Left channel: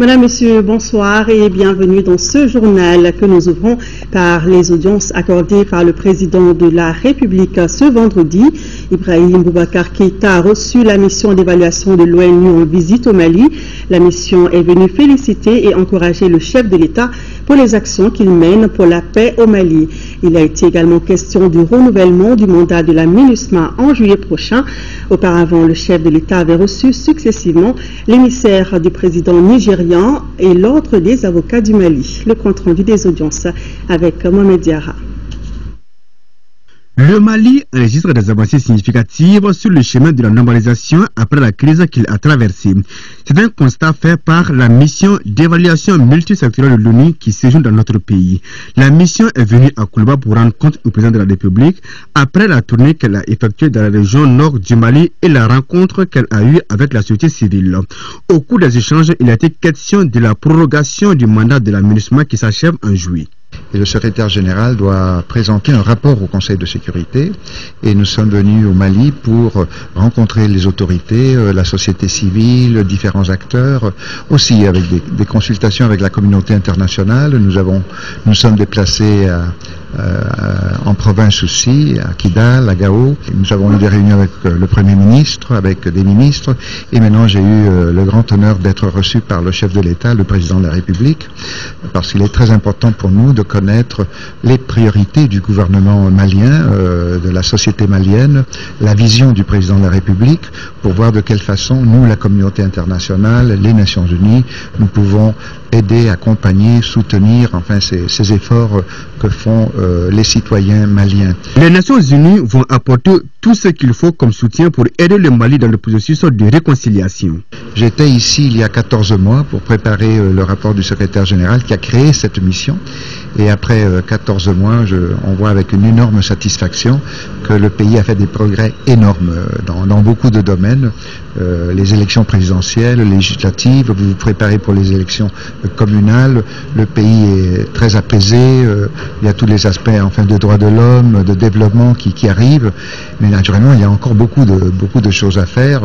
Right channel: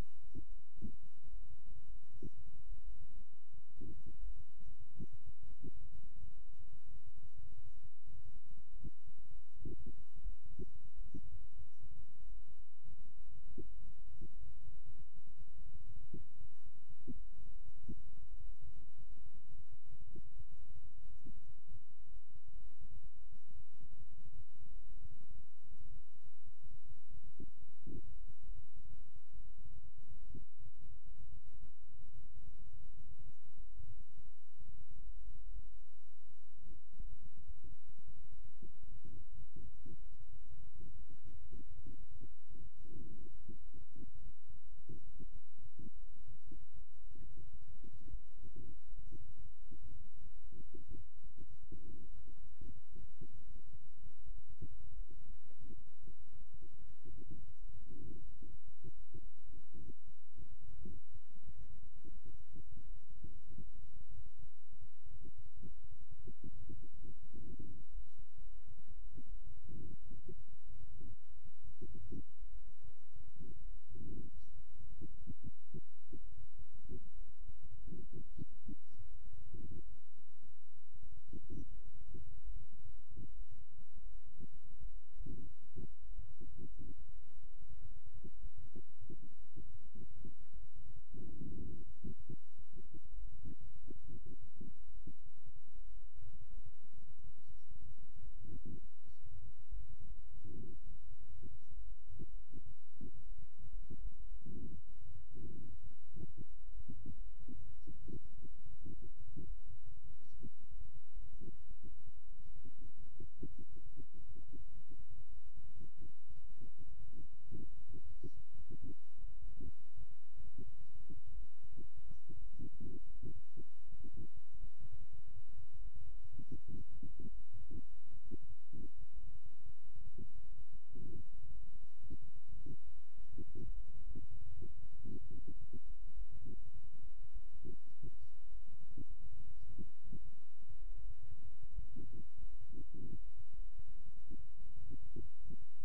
Madame, Monsieur, bonsoir et bienvenue dans ce journal que nous ouvrons par les audiences accordées par le président de la République ce vendredi. Ibrahim Boubacar Keïta a reçu la mission d'évaluation de l'ONU en visite au Mali. La mission est venue féliciter et encourager le chef de l'État pour les actions qu'il mène pour la paix au Mali. Il a été également question du renouvellement du mandat de la MINUSMA en juillet prochain. Auparavant, le chef de l'État avait reçu successivement l'émissaire du président nigérien et l'ordre des avocats du Mali. Le compte rendu des audiences avec Mohamed Diarra. Le Mali enregistre des avancées significatives sur le chemin de la normalisation après la crise qu'il a traversée. C'est un constat fait par la mission d'évaluation multisectorielle de l'ONU qui séjourne dans notre pays. La mission est venue à Koulba pour rendre compte au président de la République après la tournée qu'elle a effectuée dans la région nord du Mali et la rencontre qu'elle a eue avec la société civile. Au cours des échanges, il a été question de la prorogation du mandat de la MINUSMA qui s'achève en juillet. Et le secrétaire général doit présenter un rapport au Conseil de sécurité. Et nous sommes venus au Mali pour rencontrer les autorités, la société civile, différents acteurs, aussi avec des consultations avec la communauté internationale. Nous sommes déplacés en province aussi, à Kidal, à Gao. Nous avons eu des réunions avec le Premier ministre, avec des ministres. Et maintenant, j'ai eu le grand honneur d'être reçu par le chef de l'État, le président de la République, parce qu'il est très important pour nous de connaître les priorités du gouvernement malien, de la société malienne, la vision du président de la République, pour voir de quelle façon nous, la communauté internationale, les Nations Unies, nous pouvons aider, accompagner, soutenir, enfin, ces efforts que font les citoyens maliens. Les Nations Unies vont apporter tout ce qu'il faut comme soutien pour aider le Mali dans le processus de réconciliation. J'étais ici il y a 14 mois pour préparer le rapport du secrétaire général qui a créé cette mission. Et après 14 mois, on voit avec une énorme satisfaction que le pays a fait des progrès énormes dans beaucoup de domaines. Les élections présidentielles, législatives, vous vous préparez pour les élections communales. Le pays est très apaisé. Il y a tous les aspects enfin, de droits de l'homme, de développement qui arrivent. Mais naturellement, il y a encore beaucoup de choses à faire.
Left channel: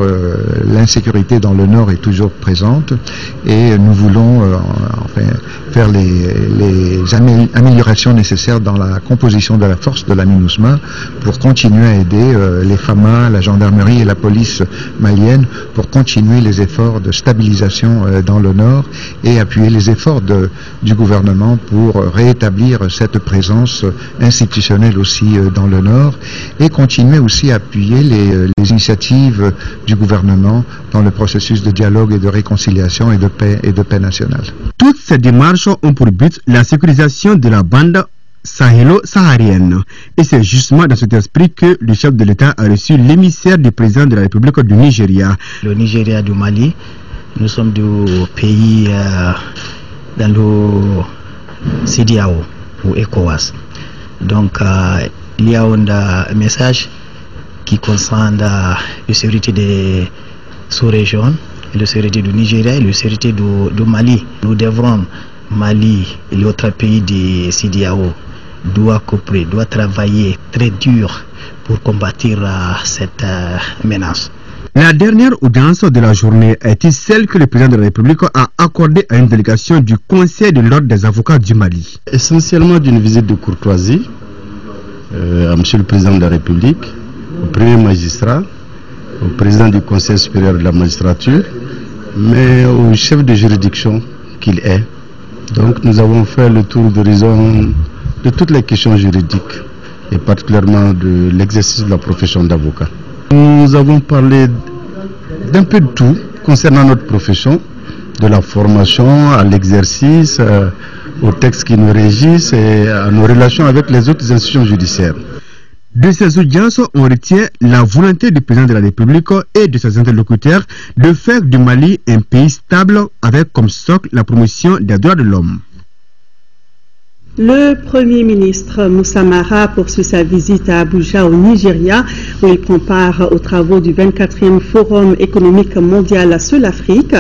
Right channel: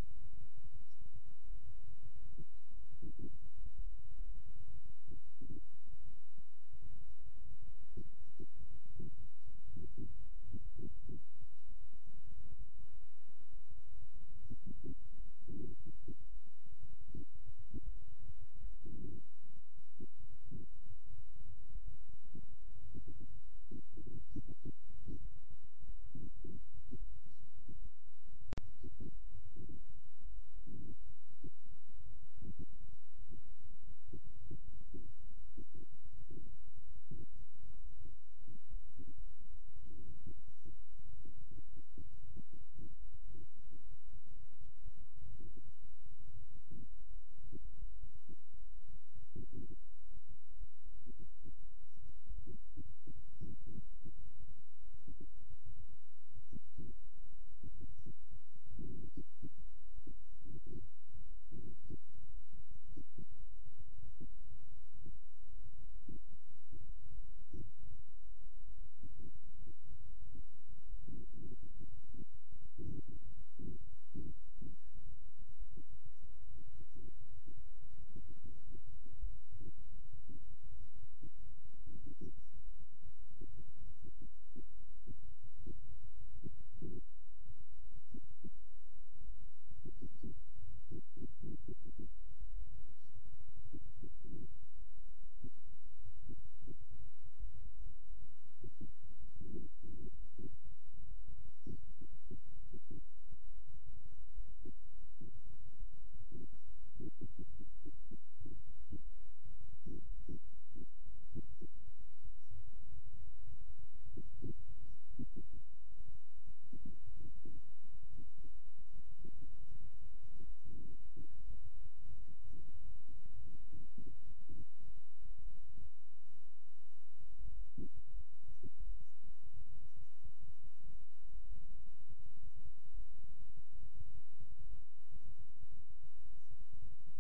L'insécurité dans le nord est toujours présente. Et nous voulons enfin, faire les améliorations nécessaires dans la composition de la force de la MINUSMA pour continuer à aider les FAMA, la gendarmerie et la police malienne pour continuer les efforts de stabilisation dans le nord et appuyer les efforts du gouvernement pour rétablir cette présence institutionnelle aussi dans le nord et continuer aussi à appuyer les initiatives du gouvernement dans le processus de dialogue et de réconciliation et de paix nationale. Toutes ces démarches ont pour but la sécurisation de la bande sahélo-saharienne. Et c'est justement dans cet esprit que le chef de l'État a reçu l'émissaire du président de la République du Nigeria. Le Nigeria du Mali, nous sommes du pays dans le CEDEAO ou ECOWAS. Donc il y a un message qui concerne la sécurité des sous-régions, la sécurité du Nigeria et la sécurité du Mali. Nous devrons, Mali et les autres pays du CEDEAO, doit coopérer, doit travailler très dur pour combattre cette menace. La dernière audience de la journée a été celle que le président de la République a accordée à une délégation du Conseil de l'ordre des avocats du Mali. Essentiellement d'une visite de courtoisie à Monsieur le Président de la République, au Premier magistrat, au Président du Conseil supérieur de la magistrature, mais au chef de juridiction qu'il est. Donc nous avons fait le tour d'horizon de toutes les questions juridiques et particulièrement de l'exercice de la profession d'avocat. Nous avons parlé d'un peu de tout concernant notre profession, de la formation à l'exercice, aux textes qui nous régissent et à nos relations avec les autres institutions judiciaires. De ces audiences, on retient la volonté du président de la République et de ses interlocuteurs de faire du Mali un pays stable avec comme socle la promotion des droits de l'homme. Le Premier ministre Moussa Mara poursuit sa visite à Abuja au Nigeria où il prend part aux travaux du 24e Forum économique mondial sur l'Afrique.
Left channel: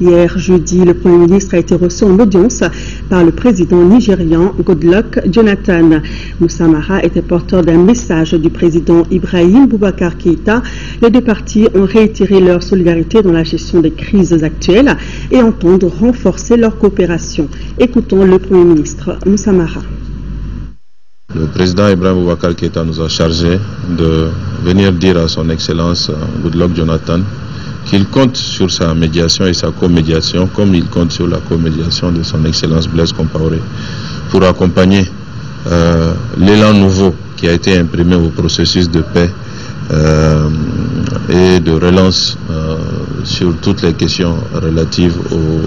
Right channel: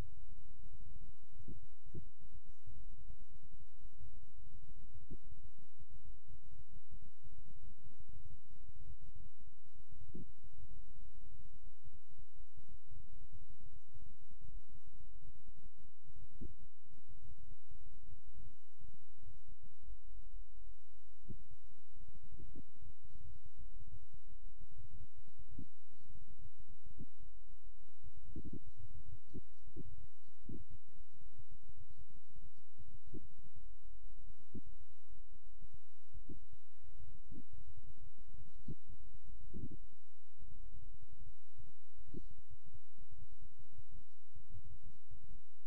Hier jeudi, le Premier ministre a été reçu en audience par le président nigérian Goodluck Jonathan. Moussa Mara était porteur d'un message du président Ibrahim Boubacar Keïta. Les deux parties ont réitéré leur solidarité dans la gestion des crises actuelles et entendent renforcer leur coopération. Écoutons le Premier ministre Moussa Mara. Le président Ibrahim Boubacar Keïta nous a chargé de venir dire à son Excellence Goodluck Jonathan qu'il compte sur sa médiation et sa comédiation comme il compte sur la comédiation de son Excellence Blaise Compaoré pour accompagner l'élan nouveau qui a été imprimé au processus de paix et de relance sur toutes les questions relatives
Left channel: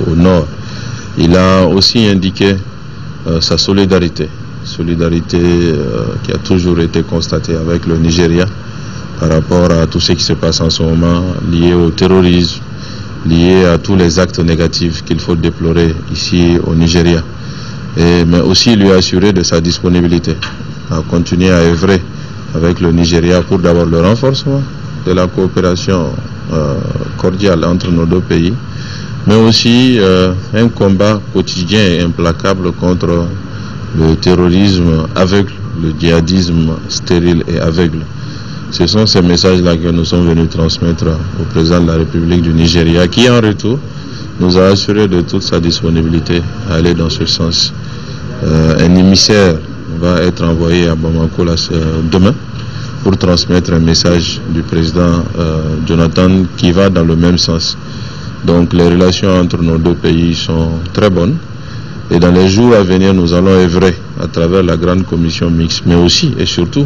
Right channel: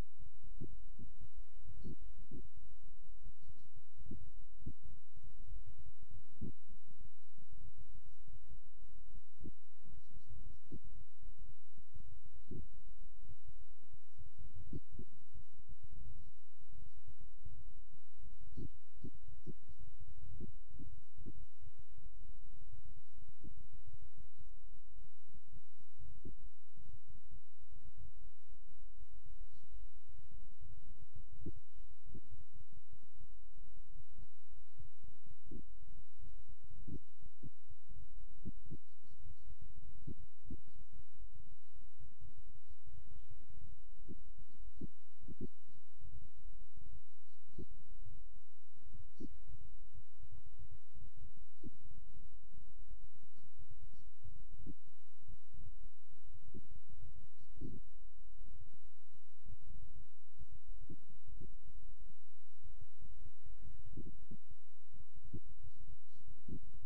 au Nord. Il a aussi indiqué sa solidarité qui a toujours été constatée avec le Nigeria par rapport à tout ce qui se passe en ce moment lié au terrorisme, lié à tous les actes négatifs qu'il faut déplorer ici au Nigeria. Mais aussi lui assurer de sa disponibilité à continuer à œuvrer avec le Nigeria pour d'abord le renforcement de la coopération cordiale entre nos deux pays, mais aussi un combat quotidien et implacable contre le terrorisme aveugle, le djihadisme stérile et aveugle. Ce sont ces messages-là que nous sommes venus transmettre au président de la République du Nigeria, qui en retour nous a assuré de toute sa disponibilité à aller dans ce sens. Un émissaire va être envoyé à Bamako demain pour transmettre un message du président Jonathan qui va dans le même sens. Donc les relations entre nos deux pays sont très bonnes. Et dans les jours à venir, nous allons œuvrer à travers la grande commission mixte, mais aussi et surtout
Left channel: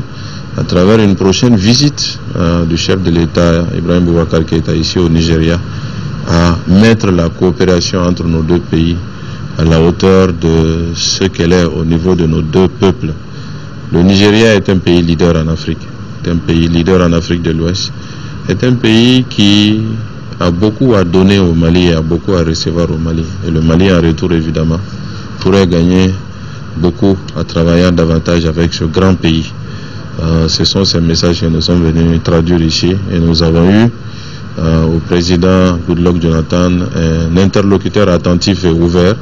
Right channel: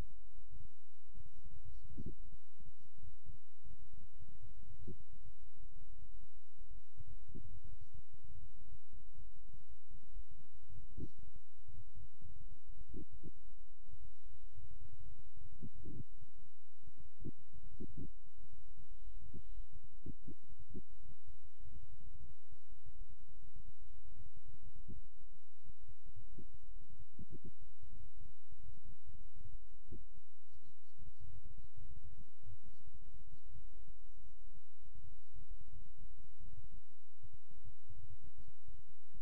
à travers une prochaine visite du chef de l'État, Ibrahim Boubacar Keïta, ici au Nigeria, à mettre la coopération entre nos deux pays à la hauteur de ce qu'elle est au niveau de nos deux peuples. Le Nigeria est un pays leader en Afrique, est un pays leader en Afrique de l'Ouest, est un pays qui a beaucoup à donner au Mali et a beaucoup à recevoir au Mali. Et le Mali, en retour, évidemment, pourrait gagner beaucoup à travailler davantage avec ce grand pays. Ce sont ces messages que nous sommes venus traduire ici et nous avons eu au président Goodluck Jonathan un interlocuteur attentif et ouvert,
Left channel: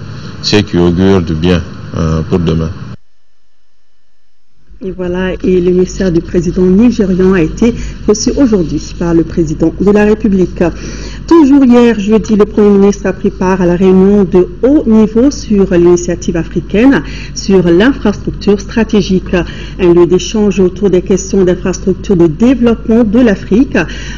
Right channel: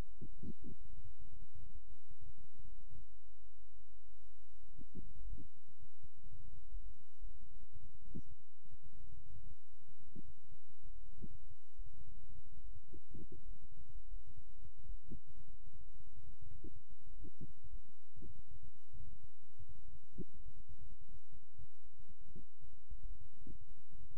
ce qui augure du bien pour demain. Et voilà, et le message du président nigérian a été reçu aujourd'hui par le président de la République. Toujours hier, jeudi, le Premier ministre a pris part à la réunion de haut niveau sur l'initiative africaine sur l'infrastructure stratégique, un lieu d'échange autour des questions d'infrastructure de développement de l'Afrique.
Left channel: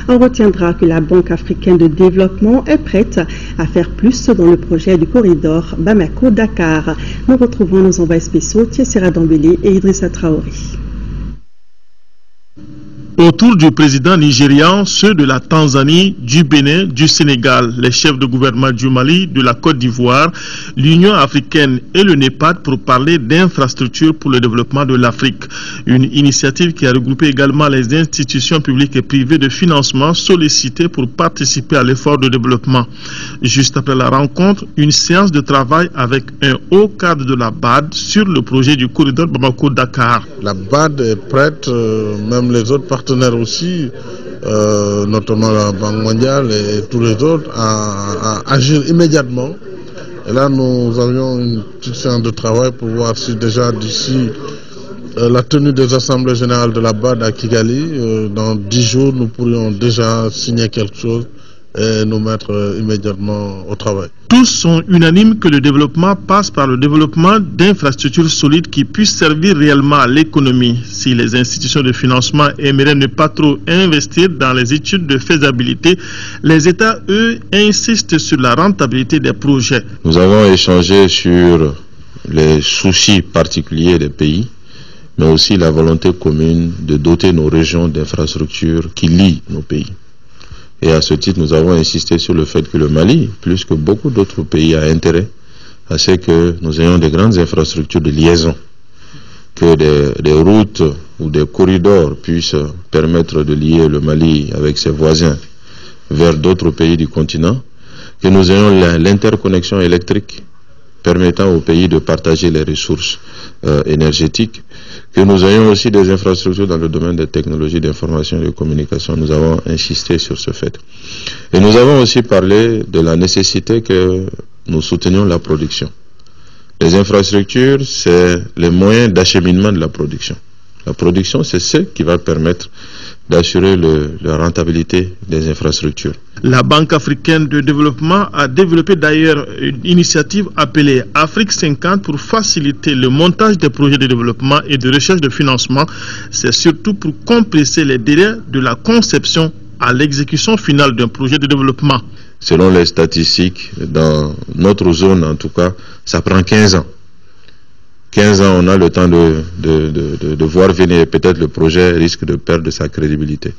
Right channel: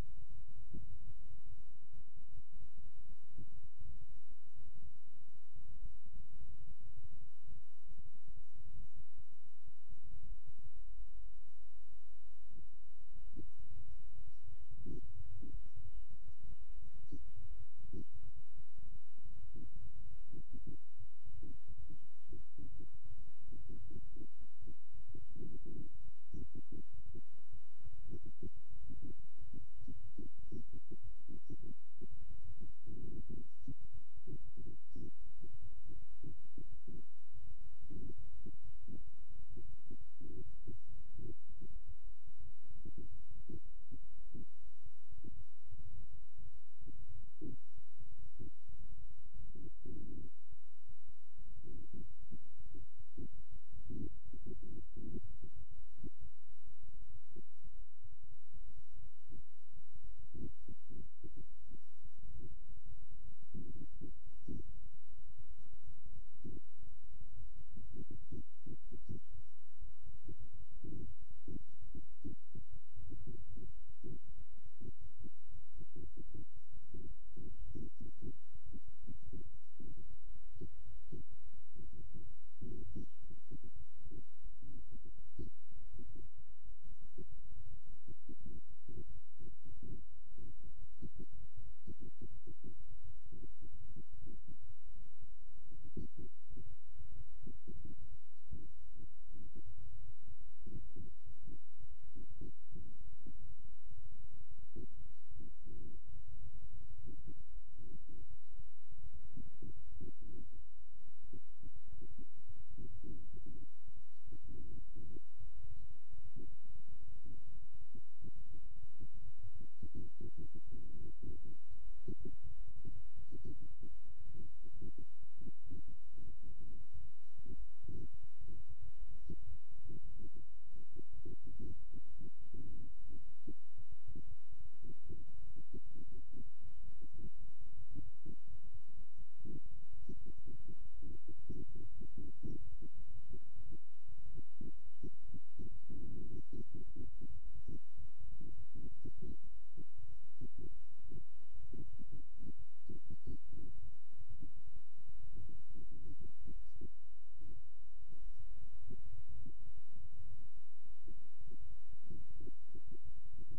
On retiendra que la Banque africaine de développement est prête à faire plus dans le projet du corridor Bamako-Dakar. Nous retrouvons nos envoyés spéciaux Tiessira Dambélé et Idrissa Traoré. Autour du président nigérian, ceux de la Tanzanie, du Bénin, du Sénégal, les chefs de gouvernement du Mali, de la Côte d'Ivoire, l'Union africaine et le NEPAD pour parler d'infrastructures pour le développement de l'Afrique. Une initiative qui a regroupé également les institutions publiques et privées de financement sollicitées pour participer à l'effort de développement. Juste après la rencontre, une séance de travail avec un haut cadre de la BAD sur le projet du corridor Bamako-Dakar. La BAD est prête, même les autres partenaires aussi, notamment la Banque mondiale et tous les autres, à agir immédiatement. Et là, nous avions une petite séance de travail pour voir si déjà d'ici la tenue des assemblées générales de la BAD à Kigali, dans 10 jours, nous pourrions déjà signer quelque chose et nous mettre immédiatement au travail. Tous sont unanimes que le développement passe par le développement d'infrastructures solides qui puissent servir réellement à l'économie. Si les institutions de financement aimeraient ne pas trop investir dans les études de faisabilité, les États, eux, insistent sur la rentabilité des projets. Nous avons échangé sur les soucis particuliers des pays, mais aussi la volonté commune de doter nos régions d'infrastructures qui lient nos pays. Et à ce titre, nous avons insisté sur le fait que le Mali, plus que beaucoup d'autres pays, a intérêt à ce que nous ayons des grandes infrastructures de liaison, que des routes ou des corridors puissent permettre de lier le Mali avec ses voisins vers d'autres pays du continent, que nous ayons l'interconnexion électrique permettant au pays de partager les ressources énergétiques, que nous ayons aussi des infrastructures dans le domaine des technologies d'information et de communication. Nous avons insisté sur ce fait. Et nous avons aussi parlé de la nécessité que nous soutenions la production. Les infrastructures, c'est les moyens d'acheminement de la production. La production, c'est ce qui va permettre d'assurer la rentabilité des infrastructures. La Banque africaine de développement a développé d'ailleurs une initiative appelée Afrique 50 pour faciliter le montage des projets de développement et de recherche de financement. C'est surtout pour compresser les délais de la conception à l'exécution finale d'un projet de développement. Selon les statistiques, dans notre zone en tout cas, ça prend 15 ans. 15 ans, on a le temps de voir venir, peut-être le projet risque de perdre sa crédibilité.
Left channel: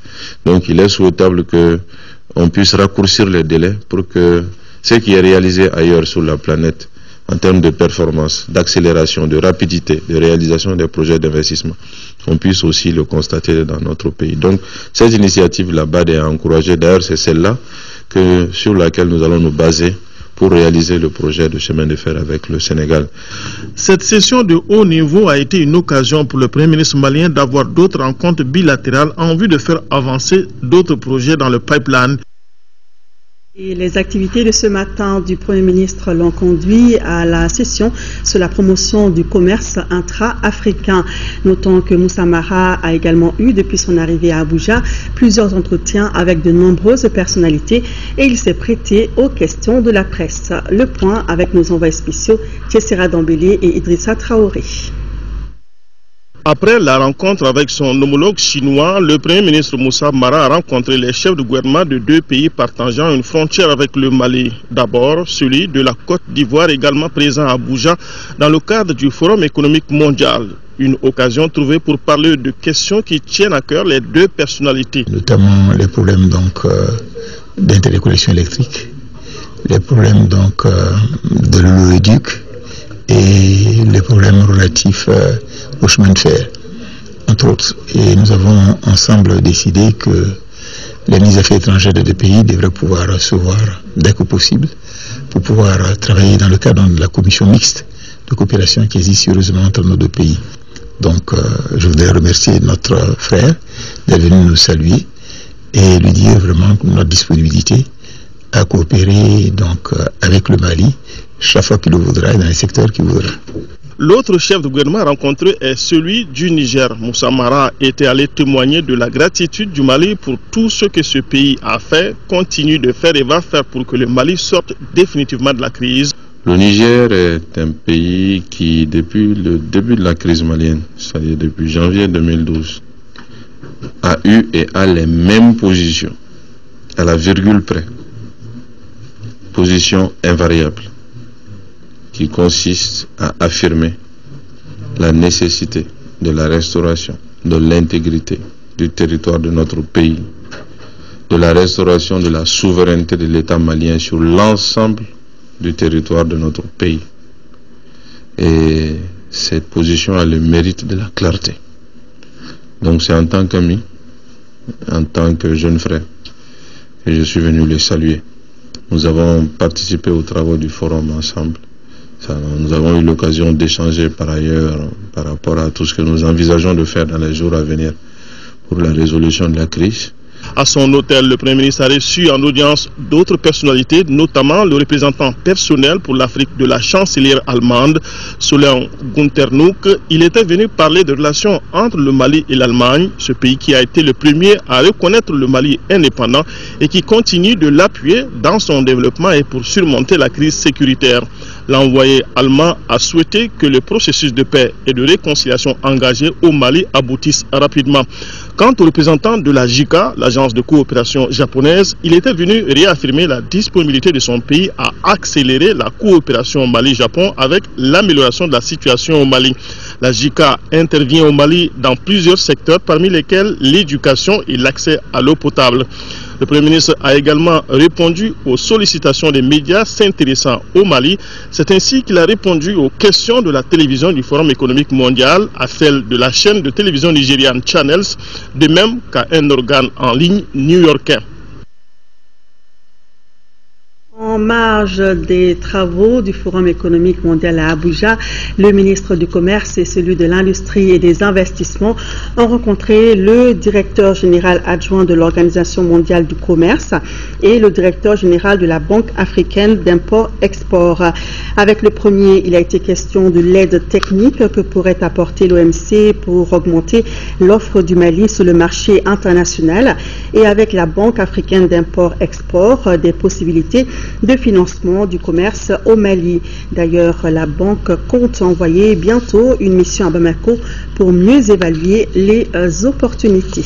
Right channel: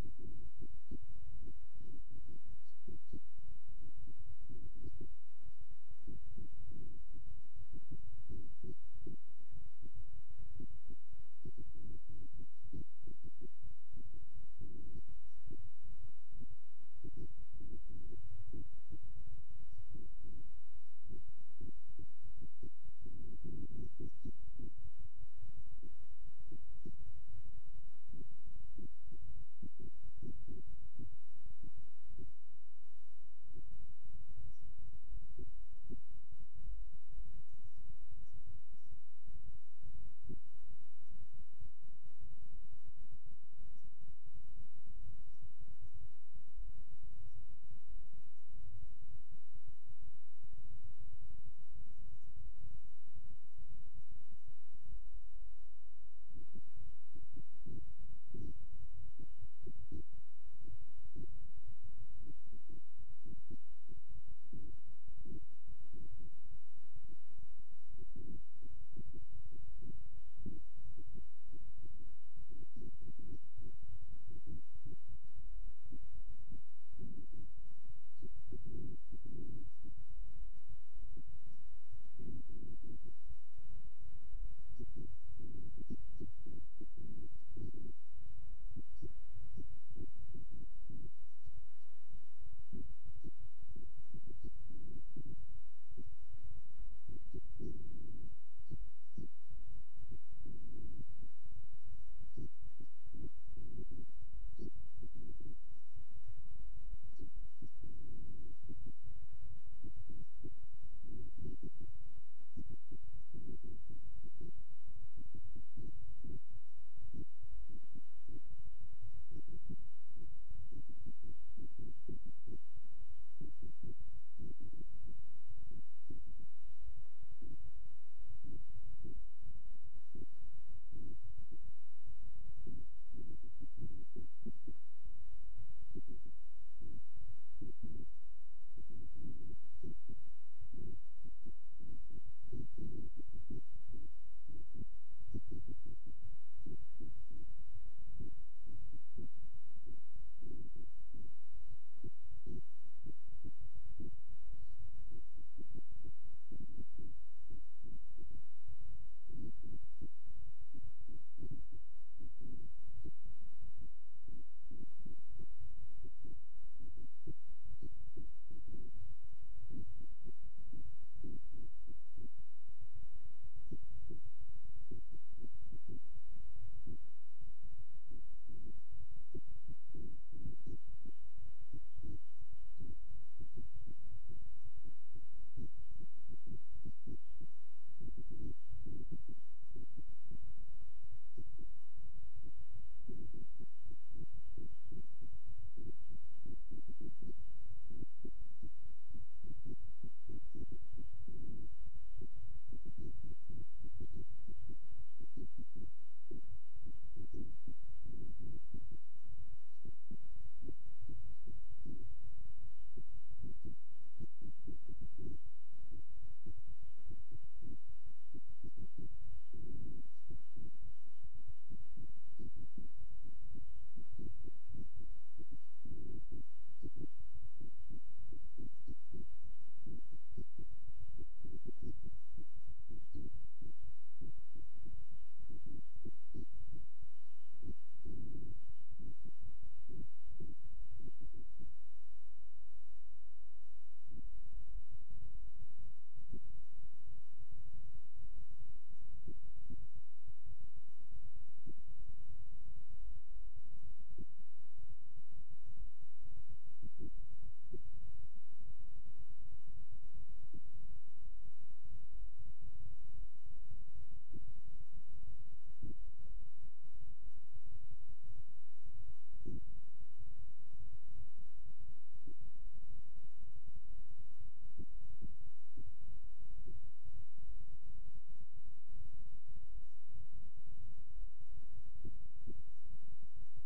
Donc il est souhaitable qu'on puisse raccourcir les délais pour que ce qui est réalisé ailleurs sur la planète, en termes de performance, d'accélération, de rapidité, de réalisation des projets d'investissement, on puisse aussi le constater dans notre pays. Donc cette initiative là-bas est à encourager. D'ailleurs, c'est celle-là sur laquelle nous allons nous baser pour réaliser le projet de chemin de fer avec le Sénégal. Cette session de haut niveau a été une occasion pour le Premier ministre malien d'avoir d'autres rencontres bilatérales en vue de faire avancer d'autres projets dans le pipeline. Et les activités de ce matin du Premier ministre l'ont conduit à la session sur la promotion du commerce intra-africain. Notons que Moussa Mara a également eu, depuis son arrivée à Abuja, plusieurs entretiens avec de nombreuses personnalités et il s'est prêté aux questions de la presse. Le point avec nos envoyés spéciaux, Tchessera Dambélé et Idrissa Traoré. Après la rencontre avec son homologue chinois, le Premier ministre Moussa Mara a rencontré les chefs de gouvernement de deux pays partageant une frontière avec le Mali. D'abord, celui de la Côte d'Ivoire, également présent à Abuja, dans le cadre du Forum économique mondial. Une occasion trouvée pour parler de questions qui tiennent à cœur les deux personnalités. Notamment les problèmes d'interconnexion électrique, les problèmes de l'oléoduc et les problèmes relatifs au chemin de fer, entre autres. Et nous avons ensemble décidé que les ministres des Affaires étrangères des deux pays devraient pouvoir se voir dès que possible pour pouvoir travailler dans le cadre de la commission mixte de coopération qui existe sérieusement entre nos deux pays. Donc je voudrais remercier notre frère d'être venu nous saluer et lui dire vraiment notre disponibilité à coopérer avec le Mali chaque fois qu'il le voudra et dans les secteurs qu'il voudra. L'autre chef de gouvernement rencontré est celui du Niger. Moussa Mara était allé témoigner de la gratitude du Mali pour tout ce que ce pays a fait, continue de faire et va faire pour que le Mali sorte définitivement de la crise. Le Niger est un pays qui, depuis le début de la crise malienne, c'est-à-dire depuis janvier 2012, a eu et a les mêmes positions, à la virgule près. Position invariable, qui consiste à affirmer la nécessité de la restauration de l'intégrité du territoire de notre pays, de la restauration de la souveraineté de l'État malien sur l'ensemble du territoire de notre pays. Et cette position a le mérite de la clarté. Donc c'est en tant qu'ami, en tant que jeune frère, que je suis venu les saluer. Nous avons participé aux travaux du forum ensemble. Nous avons eu l'occasion d'échanger par ailleurs par rapport à tout ce que nous envisageons de faire dans les jours à venir pour la résolution de la crise. À son hôtel, le Premier ministre a reçu en audience d'autres personnalités, notamment le représentant personnel pour l'Afrique de la chancelière allemande, Solon Gunternuk. Il était venu parler de relations entre le Mali et l'Allemagne, ce pays qui a été le premier à reconnaître le Mali indépendant et qui continue de l'appuyer dans son développement et pour surmonter la crise sécuritaire. L'envoyé allemand a souhaité que le processus de paix et de réconciliation engagé au Mali aboutisse rapidement. Quant au représentant de la JICA, l'agence de coopération japonaise, il était venu réaffirmer la disponibilité de son pays à accélérer la coopération Mali-Japon avec l'amélioration de la situation au Mali. La JICA intervient au Mali dans plusieurs secteurs, parmi lesquels l'éducation et l'accès à l'eau potable. Le Premier ministre a également répondu aux sollicitations des médias s'intéressant au Mali. C'est ainsi qu'il a répondu aux questions de la télévision du Forum économique mondial, à celle de la chaîne de télévision nigériane Channels, de même qu'à un organe en ligne new-yorkais. En marge des travaux du Forum économique mondial à Abuja, le ministre du Commerce et celui de l'Industrie et des Investissements ont rencontré le directeur général adjoint de l'Organisation mondiale du commerce et le directeur général de la Banque africaine d'import-export. Avec le premier, il a été question de l'aide technique que pourrait apporter l'OMC pour augmenter l'offre du Mali sur le marché international et avec la Banque africaine d'import-export des possibilités de financement du commerce au Mali. D'ailleurs, la banque compte envoyer bientôt une mission à Bamako pour mieux évaluer les opportunités.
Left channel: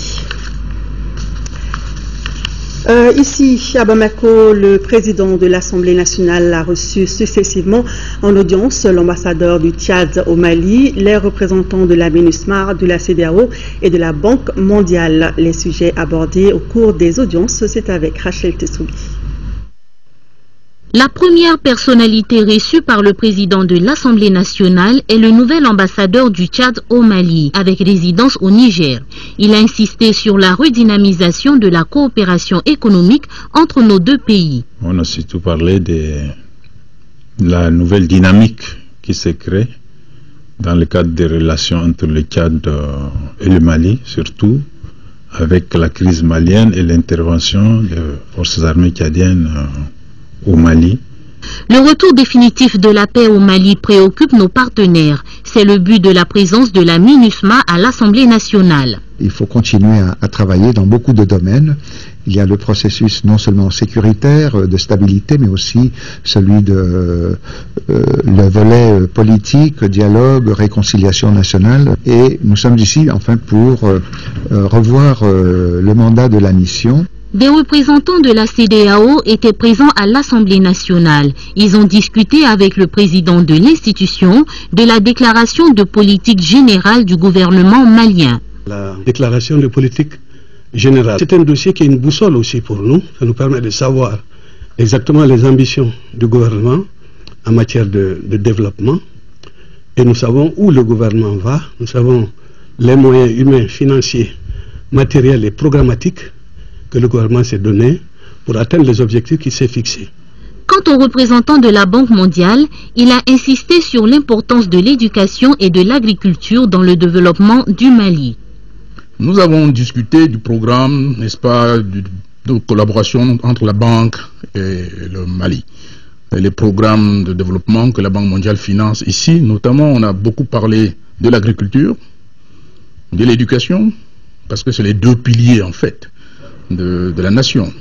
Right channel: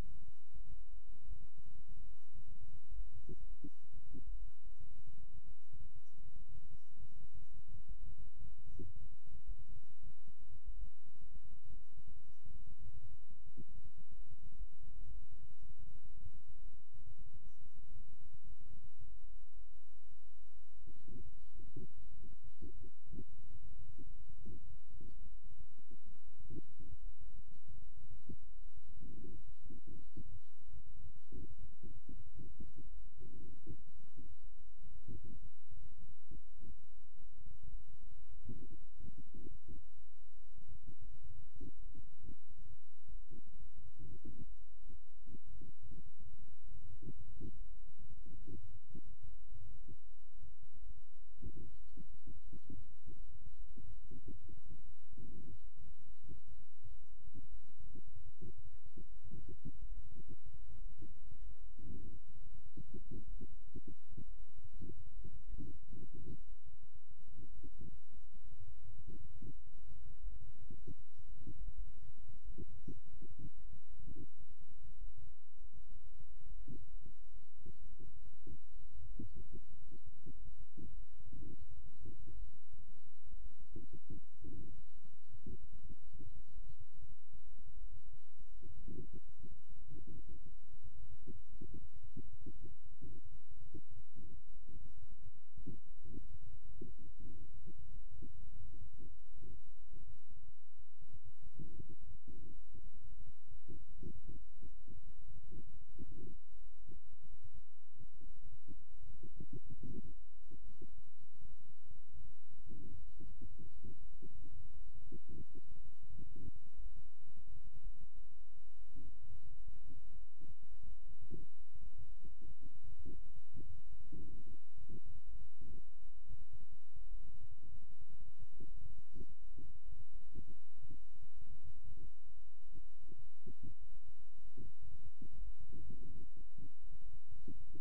Ici, à Bamako, le président de l'Assemblée nationale a reçu successivement en audience l'ambassadeur du Tchad au Mali, les représentants de la MINUSMA, de la CEDEAO et de la Banque mondiale. Les sujets abordés au cours des audiences, c'est avec Rachel Tessoubi. La première personnalité reçue par le président de l'Assemblée nationale est le nouvel ambassadeur du Tchad au Mali, avec résidence au Niger. Il a insisté sur la redynamisation de la coopération économique entre nos deux pays. On a surtout parlé de la nouvelle dynamique qui se crée dans le cadre des relations entre le Tchad et le Mali, surtout avec la crise malienne et l'intervention des forces armées tchadiennes au Mali. Le retour définitif de la paix au Mali préoccupe nos partenaires. C'est le but de la présence de la MINUSMA à l'Assemblée nationale. Il faut continuer à travailler dans beaucoup de domaines. Il y a le processus non seulement sécuritaire, de stabilité, mais aussi celui de le volet politique, dialogue, réconciliation nationale. Et nous sommes ici enfin pour revoir le mandat de la mission. Des représentants de la CEDEAO étaient présents à l'Assemblée nationale. Ils ont discuté avec le président de l'institution de la déclaration de politique générale du gouvernement malien. La déclaration de politique générale, c'est un dossier qui est une boussole aussi pour nous. Ça nous permet de savoir exactement les ambitions du gouvernement en matière de développement. Et nous savons où le gouvernement va. Nous savons les moyens humains, financiers, matériels et programmatiques que le gouvernement s'est donné pour atteindre les objectifs qu'il s'est fixés. Quant au représentant de la Banque mondiale, il a insisté sur l'importance de l'éducation et de l'agriculture dans le développement du Mali. Nous avons discuté du programme, n'est-ce pas, de collaboration entre la Banque et le Mali. Et les programmes de développement que la Banque mondiale finance ici, notamment on a beaucoup parlé de l'agriculture, de l'éducation, parce que c'est les deux piliers en fait de la nation.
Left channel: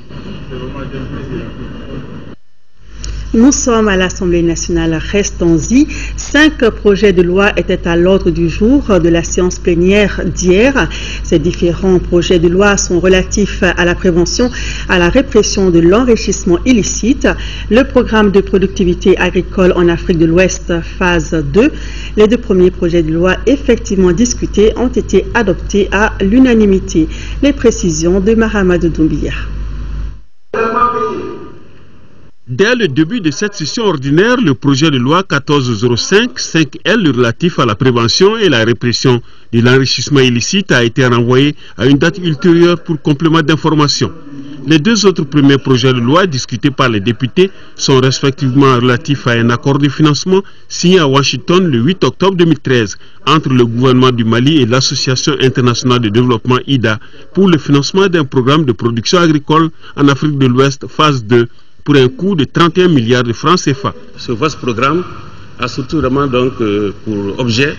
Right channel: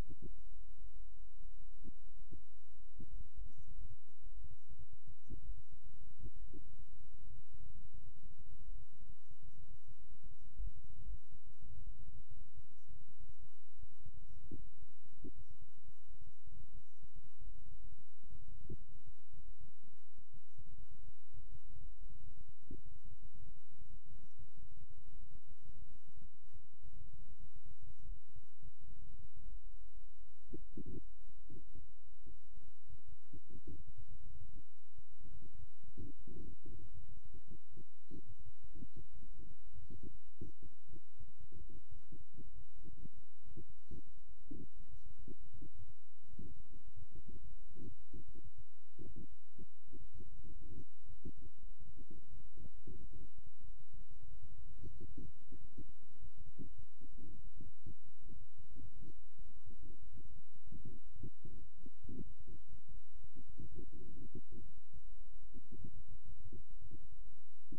Nous sommes à l'Assemblée nationale, restons-y. 5 projets de loi étaient à l'ordre du jour de la séance plénière d'hier. Ces différents projets de loi sont relatifs à la prévention, à la répression de l'enrichissement illicite, le programme de productivité agricole en Afrique de l'Ouest, phase 2. Les 2 premiers projets de loi effectivement discutés ont été adoptés à l'unanimité. Les précisions de Mahamadou Doumbia. Dès le début de cette session ordinaire, le projet de loi 1405-5L relatif à la prévention et la répression de l'enrichissement illicite a été renvoyé à une date ultérieure pour complément d'information. Les 2 autres premiers projets de loi discutés par les députés sont respectivement relatifs à un accord de financement signé à Washington le 8 octobre 2013 entre le gouvernement du Mali et l'Association internationale de développement IDA pour le financement d'un programme de production agricole en Afrique de l'Ouest, phase 2, pour un coût de 31 milliards de francs CFA. Ce vaste programme a surtout vraiment donc pour objet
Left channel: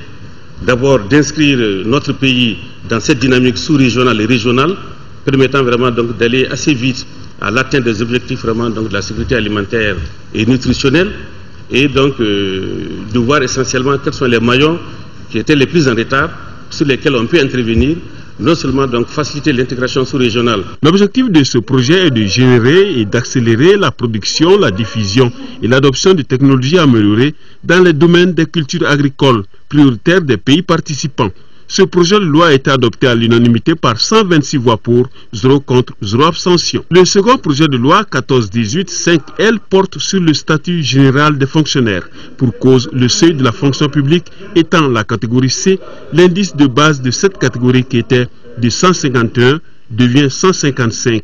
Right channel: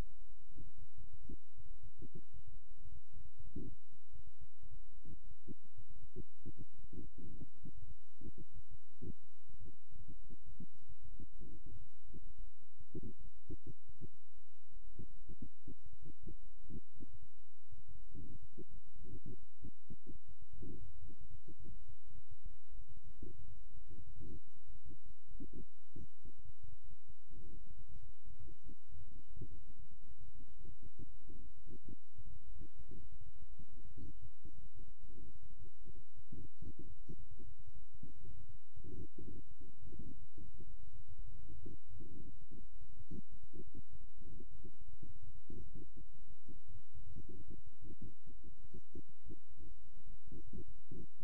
d'abord d'inscrire notre pays dans cette dynamique sous-régionale et régionale, permettant vraiment donc d'aller assez vite à l'atteinte des objectifs vraiment donc de la sécurité alimentaire et nutritionnelle, et donc de voir essentiellement quels sont les maillons qui étaient les plus en retard, sur lesquels on peut intervenir, non seulement donc faciliter l'intégration sous-régionale. L'objectif de ce projet est de générer et d'accélérer la production, la diffusion et l'adoption de technologies améliorées dans les domaines des cultures agricoles prioritaires des pays participants. Ce projet de loi a été adopté à l'unanimité par 126 voix pour, 0 contre, 0 abstention. Le second projet de loi 1418-5L porte sur le statut général des fonctionnaires. Pour cause, le seuil de la fonction publique étant la catégorie C, l'indice de base de cette catégorie qui était de 151 devient 155.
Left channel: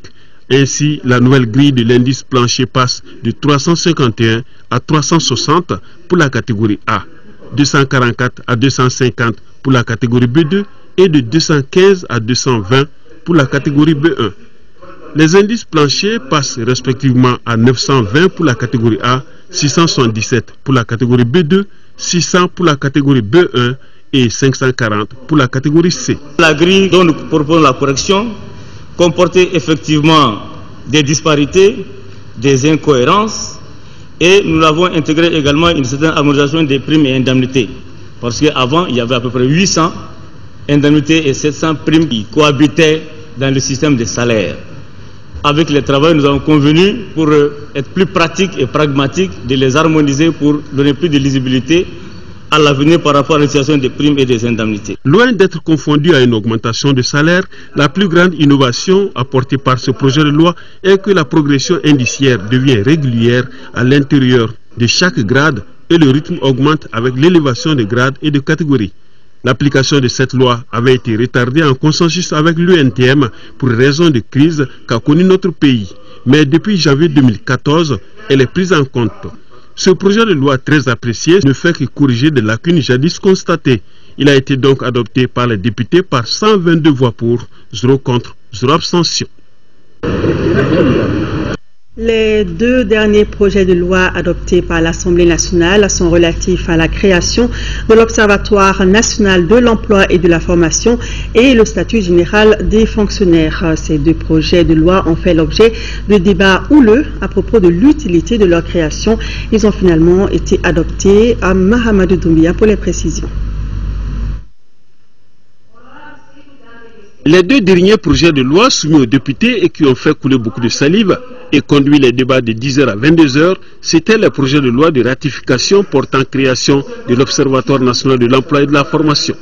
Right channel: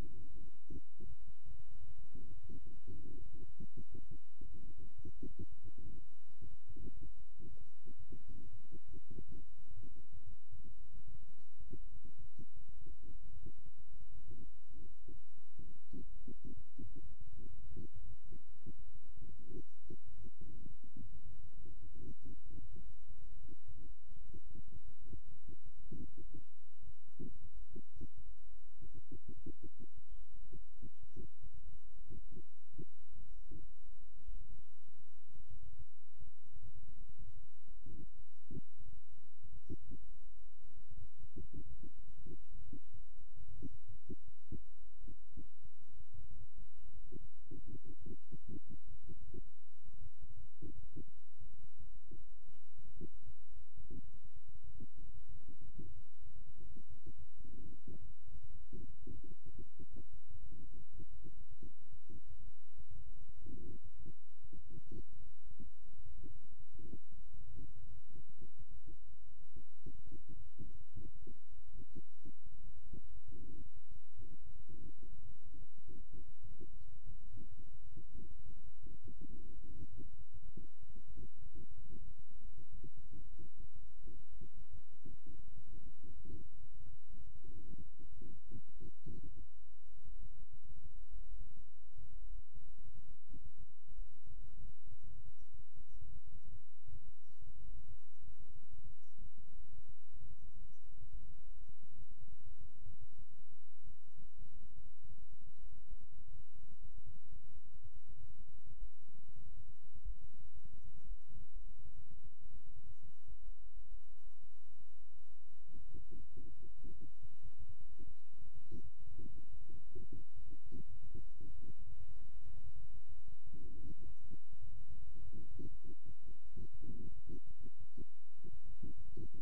Ainsi, la nouvelle grille de l'indice plancher passe de 351 à 360 pour la catégorie A, 244 à 250 pour la catégorie B2 et de 215 à 220 pour la catégorie B1. Les indices planchers passent respectivement à 920 pour la catégorie A, 677 pour la catégorie B2, 600 pour la catégorie B1 et 540 pour la catégorie C. La grille dont nous proposons la correction comportait effectivement des disparités, des incohérences, et nous l'avons intégré également une certaine harmonisation des primes et indemnités. Parce qu'avant, il y avait à peu près 800 indemnités et 700 primes qui cohabitaient dans le système des salaires. Avec les travailleurs, nous avons convenu, pour être plus pratique et pragmatique, de les harmoniser pour donner plus de lisibilité à l'avenir par rapport à la situation des primes et des indemnités. Loin d'être confondu à une augmentation de salaire, la plus grande innovation apportée par ce projet de loi est que la progression indiciaire devient régulière à l'intérieur de chaque grade et le rythme augmente avec l'élévation des grades et de catégories. L'application de cette loi avait été retardée en consensus avec l'UNTM pour raison de crise qu'a connue notre pays. Mais depuis janvier 2014, elle est prise en compte. Ce projet de loi très apprécié ne fait que corriger des lacunes jadis constatées. Il a été donc adopté par les députés par 122 voix pour, 0 contre, 0 abstention. Les deux derniers projets de loi adoptés par l'Assemblée nationale sont relatifs à la création de l'Observatoire national de l'emploi et de la formation et le statut général des fonctionnaires. Ces deux projets de loi ont fait l'objet de débats houleux à propos de l'utilité de leur création. Ils ont finalement été adoptés à Mahamadou Doumbia pour les précisions. Les deux derniers projets de loi soumis aux députés et qui ont fait couler beaucoup de salive et conduit les débats de 10h à 22h, c'était les projets de loi de ratification portant création de l'Observatoire national de l'emploi et de la formation.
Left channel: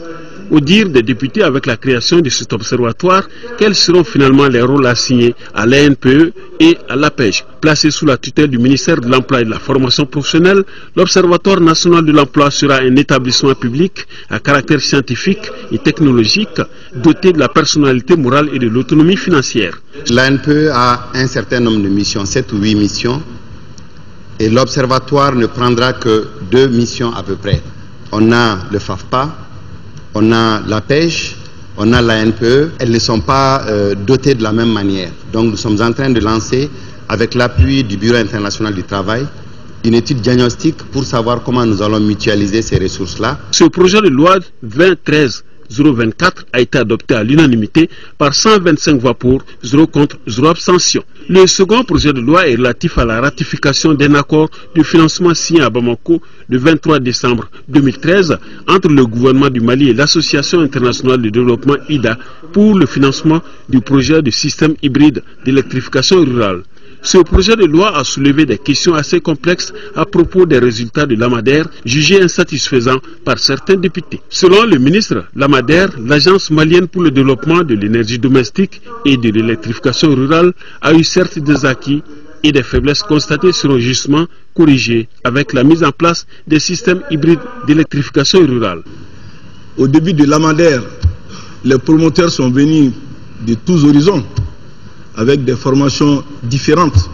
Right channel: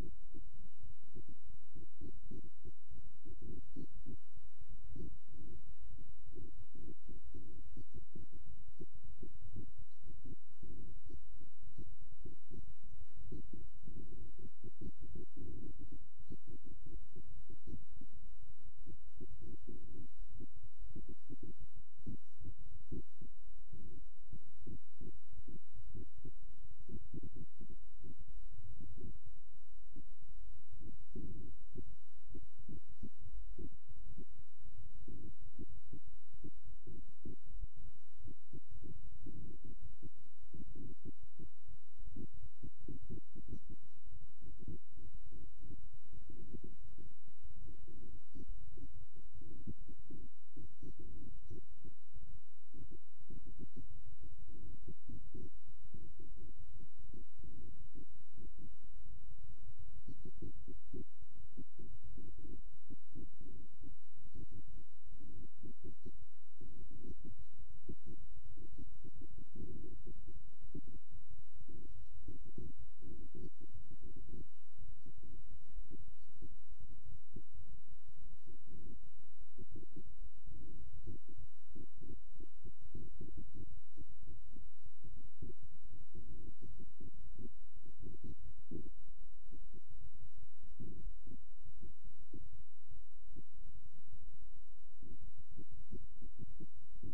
Au dire des députés, avec la création de cet observatoire, quels seront finalement les rôles assignés à l'ANPE et à l'APEJ? Placé sous la tutelle du ministère de l'Emploi et de la Formation professionnelle, l'Observatoire national de l'emploi sera un établissement public à caractère scientifique et technologique, doté de la personnalité morale et de l'autonomie financière. L'ANPE a un certain nombre de missions, 7 ou 8 missions, et l'Observatoire ne prendra que 2 missions à peu près. On a le FAFPA, on a la PEJ, on a la NPE, elles ne sont pas dotées de la même manière. Donc nous sommes en train de lancer, avec l'appui du Bureau international du travail, une étude diagnostique pour savoir comment nous allons mutualiser ces ressources-là. Ce projet de loi 2013-024 a été adopté à l'unanimité par 125 voix pour, 0 contre, 0 abstention. Le second projet de loi est relatif à la ratification d'un accord de financement signé à Bamako le 23 décembre 2013 entre le gouvernement du Mali et l'Association internationale de développement IDA pour le financement du projet de système hybride d'électrification rurale. Ce projet de loi a soulevé des questions assez complexes à propos des résultats de l'AMADER, jugés insatisfaisants par certains députés. Selon le ministre, l'AMADER, l'Agence malienne pour le développement de l'énergie domestique et de l'électrification rurale, a eu certes des acquis et des faiblesses constatées seront justement corrigées avec la mise en place des systèmes hybrides d'électrification rurale. Au début de l'AMADER, les promoteurs sont venus de tous horizons, avec des formations différentes.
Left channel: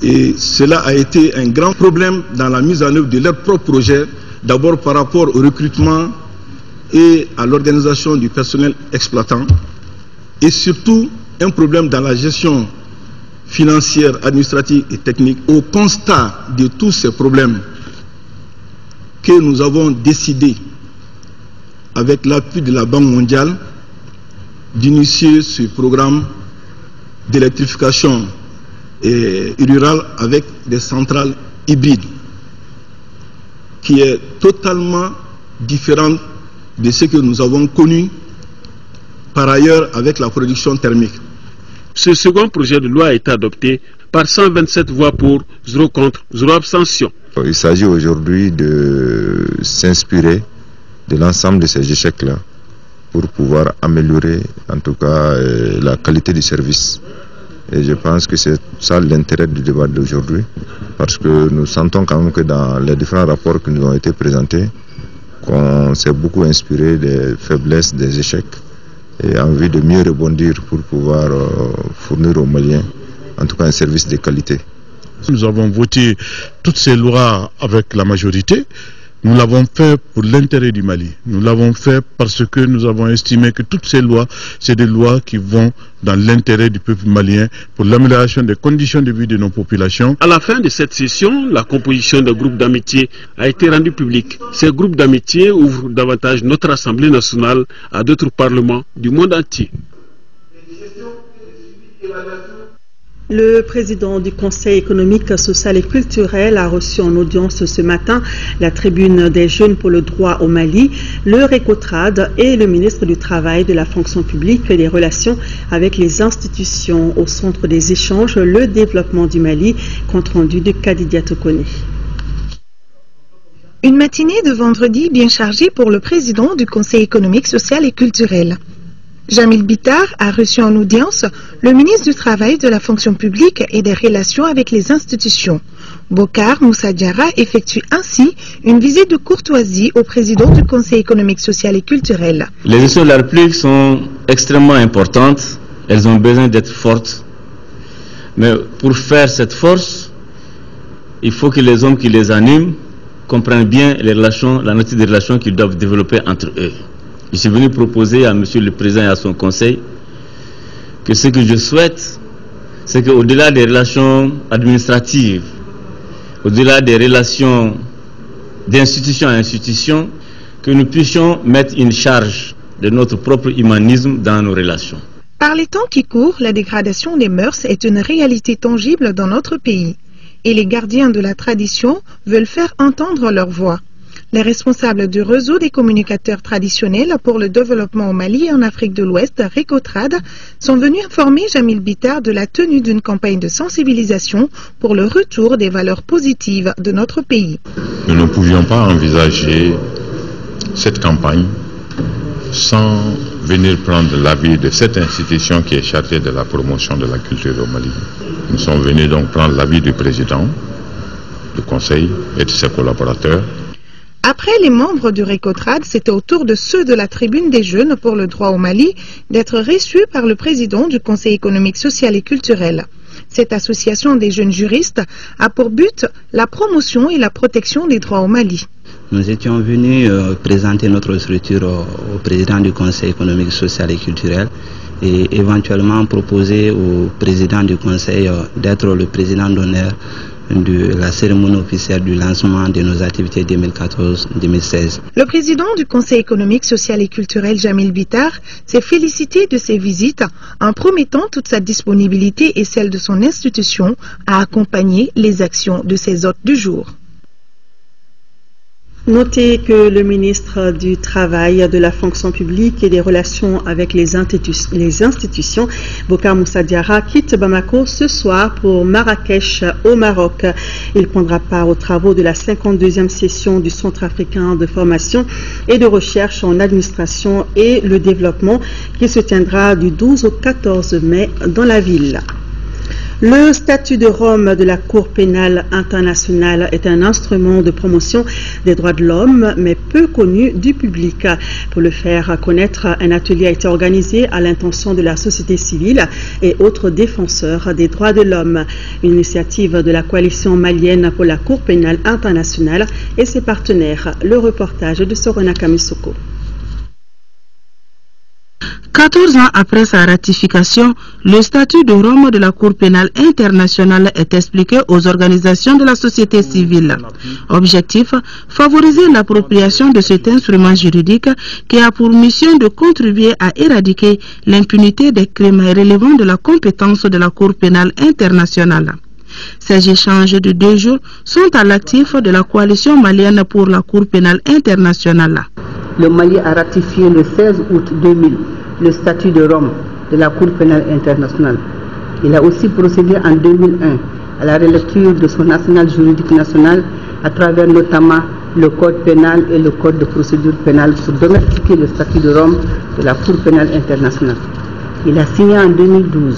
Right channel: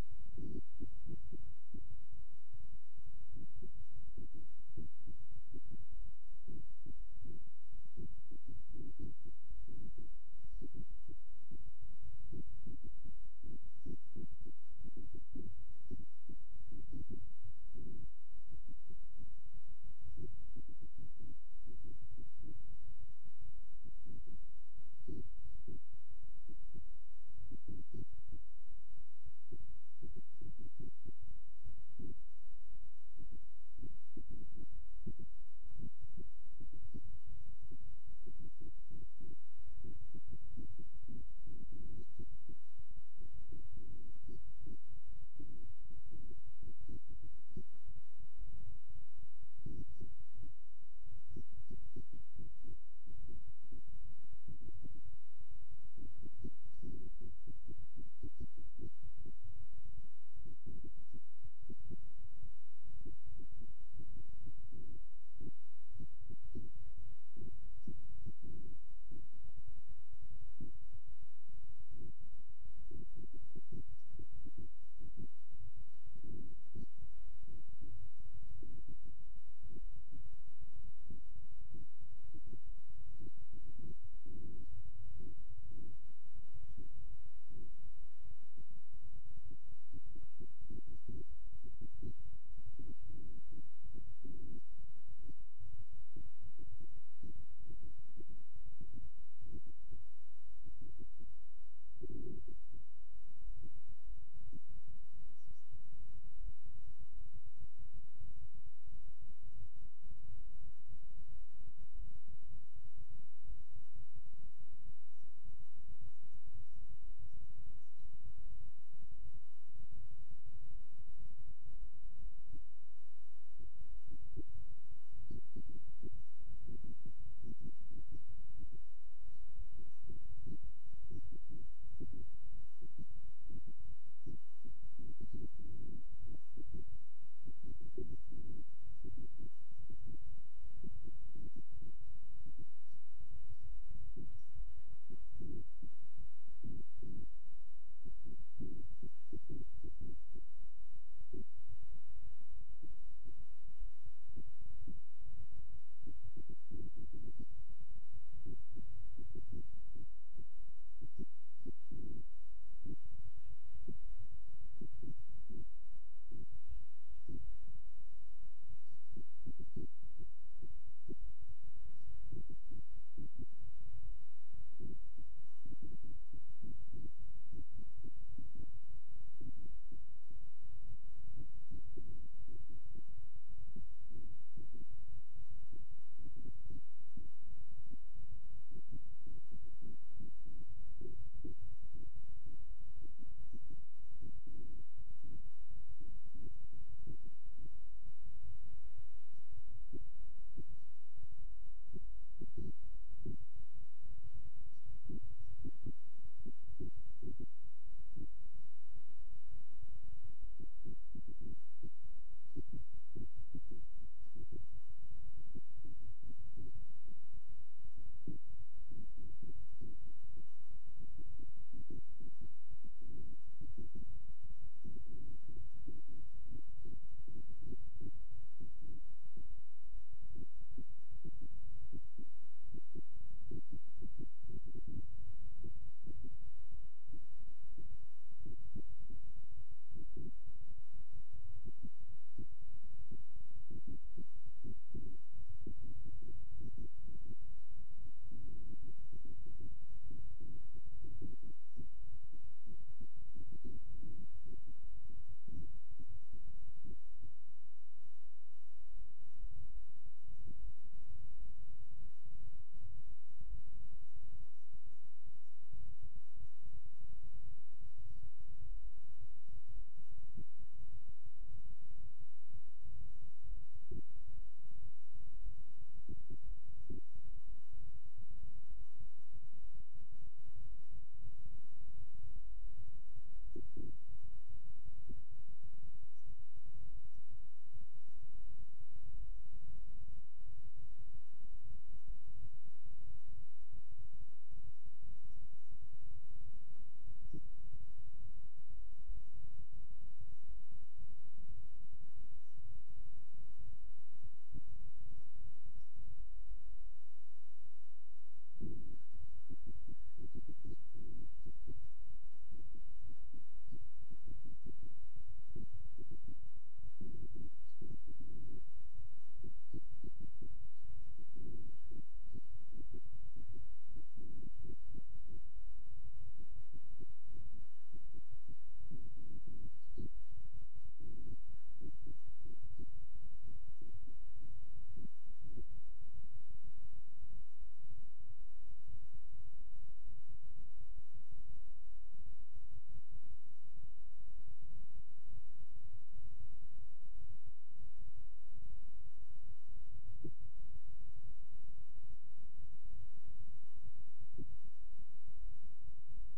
Et cela a été un grand problème dans la mise en œuvre de leur propre projet, d'abord par rapport au recrutement et à l'organisation du personnel exploitant, et surtout un problème dans la gestion financière, administrative et technique. Au constat de tous ces problèmes que nous avons décidé, avec l'appui de la Banque mondiale, d'initier ce programme d'électrification rurale avec des centrales hybrides qui est totalement différent de ce que nous avons connu par ailleurs avec la production thermique. Ce second projet de loi a été adopté par 127 voix pour, 0 contre, 0 abstention. Il s'agit aujourd'hui de s'inspirer de l'ensemble de ces échecs-là pour pouvoir améliorer en tout cas la qualité du service. Et je pense que c'est ça l'intérêt du débat d'aujourd'hui, parce que nous sentons quand même que dans les différents rapports qui nous ont été présentés, qu'on s'est beaucoup inspiré des faiblesses, des échecs et en vue de mieux rebondir pour pouvoir fournir aux Maliens, en tout cas, un service de qualité. Nous avons voté toutes ces lois avec la majorité. Nous l'avons fait pour l'intérêt du Mali. Nous l'avons fait parce que nous avons estimé que toutes ces lois, c'est des lois qui vont dans l'intérêt du peuple malien pour l'amélioration des conditions de vie de nos populations. À la fin de cette session, la composition d'un groupe d'amitié a été rendue publique. Ces groupes d'amitié ouvrent davantage notre Assemblée nationale à d'autres parlements du monde entier. Le président du Conseil économique, social et culturel a reçu en audience ce matin la tribune des jeunes pour le droit au Mali, le RECOTRAD et le ministre du Travail, de la fonction publique et des relations avec les institutions. Au centre des échanges, le développement du Mali, compte rendu de Kadidia Tokone. Une matinée de vendredi bien chargée pour le président du Conseil économique, social et culturel. Jamil Bitar a reçu en audience le ministre du Travail, de la fonction publique et des relations avec les institutions. Bokar Moussa Diarra effectue ainsi une visite de courtoisie au président du Conseil économique, social et culturel. Les institutions de la République sont extrêmement importantes, elles ont besoin d'être fortes. Mais pour faire cette force, il faut que les hommes qui les animent comprennent bien les relations, la nature des relations qu'ils doivent développer entre eux. Je suis venu proposer à Monsieur le Président et à son conseil que ce que je souhaite, c'est qu'au-delà des relations administratives, au-delà des relations d'institution à institution, que nous puissions mettre une charge de notre propre humanisme dans nos relations. Par les temps qui courent, la dégradation des mœurs est une réalité tangible dans notre pays. Et les gardiens de la tradition veulent faire entendre leur voix. Les responsables du réseau des communicateurs traditionnels pour le développement au Mali et en Afrique de l'Ouest, RECOTRAD, sont venus informer Jamil Bitar de la tenue d'une campagne de sensibilisation pour le retour des valeurs positives de notre pays. Nous ne pouvions pas envisager cette campagne sans venir prendre l'avis de cette institution qui est chargée de la promotion de la culture au Mali. Nous sommes venus donc prendre l'avis du président du conseil et de ses collaborateurs. Après les membres du RECOTRAD, c'était au tour de ceux de la tribune des jeunes pour le droit au Mali d'être reçus par le président du Conseil économique, social et culturel. Cette association des jeunes juristes a pour but la promotion et la protection des droits au Mali. Nous étions venus présenter notre structure au président du Conseil économique, social et culturel et éventuellement proposer au président du Conseil d'être le président d'honneur de la cérémonie officielle du lancement de nos activités 2014-2016. Le président du Conseil économique, social et culturel, Jamil Bitar, s'est félicité de ces visites en promettant toute sa disponibilité et celle de son institution à accompagner les actions de ses hôtes du jour. Notez que le ministre du Travail, de la fonction publique et des relations avec les institutions, Bokar Moussa Diarra, quitte Bamako ce soir pour Marrakech au Maroc. Il prendra part aux travaux de la 52e session du Centre africain de formation et de recherche en administration et le développement qui se tiendra du 12 au 14 mai dans la ville. Le statut de Rome de la Cour pénale internationale est un instrument de promotion des droits de l'homme, mais peu connu du public. Pour le faire connaître, un atelier a été organisé à l'intention de la société civile et autres défenseurs des droits de l'homme. Une initiative de la coalition malienne pour la Cour pénale internationale et ses partenaires. Le reportage de Sorona Kamisoko. 14 ans après sa ratification, le statut de Rome de la Cour pénale internationale est expliqué aux organisations de la société civile. Objectif, favoriser l'appropriation de cet instrument juridique qui a pour mission de contribuer à éradiquer l'impunité des crimes relevant de la compétence de la Cour pénale internationale. Ces échanges de 2 jours sont à l'actif de la coalition malienne pour la Cour pénale internationale. Le Mali a ratifié le 16 août 2000 le statut de Rome de la Cour pénale internationale. Il a aussi procédé en 2001 à la relecture de son arsenal juridique national à travers notamment le Code pénal et le Code de procédure pénale pour domestiquer le statut de Rome de la Cour pénale internationale. Il a signé en 2012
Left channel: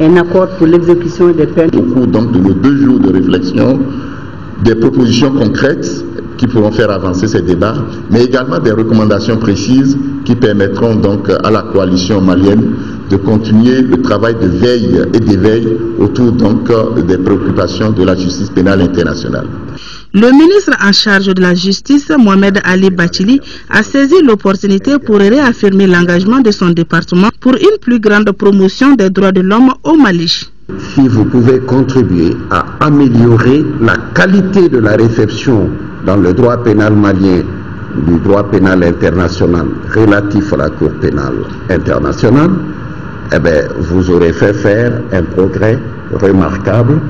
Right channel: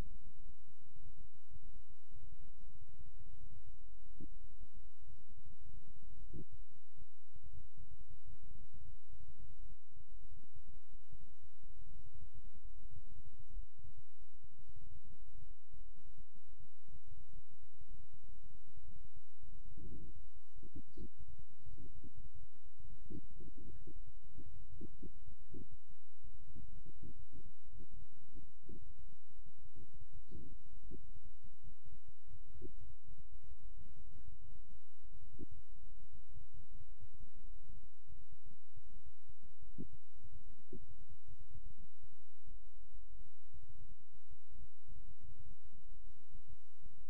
un accord pour l'exécution des peines. Au cours donc de nos 2 jours de réflexion, des propositions concrètes qui pourront faire avancer ces débats, mais également des recommandations précises qui permettront donc à la coalition malienne de continuer le travail de veille et d'éveil autour donc des préoccupations de la justice pénale internationale. Le ministre en charge de la justice, Mohamed Ali Bachili, a saisi l'opportunité pour réaffirmer l'engagement de son département pour une plus grande promotion des droits de l'homme au Mali. Si vous pouvez contribuer à améliorer la qualité de la réception dans le droit pénal malien du droit pénal international relatif à la Cour pénale internationale, eh bien, vous aurez fait faire un progrès remarquable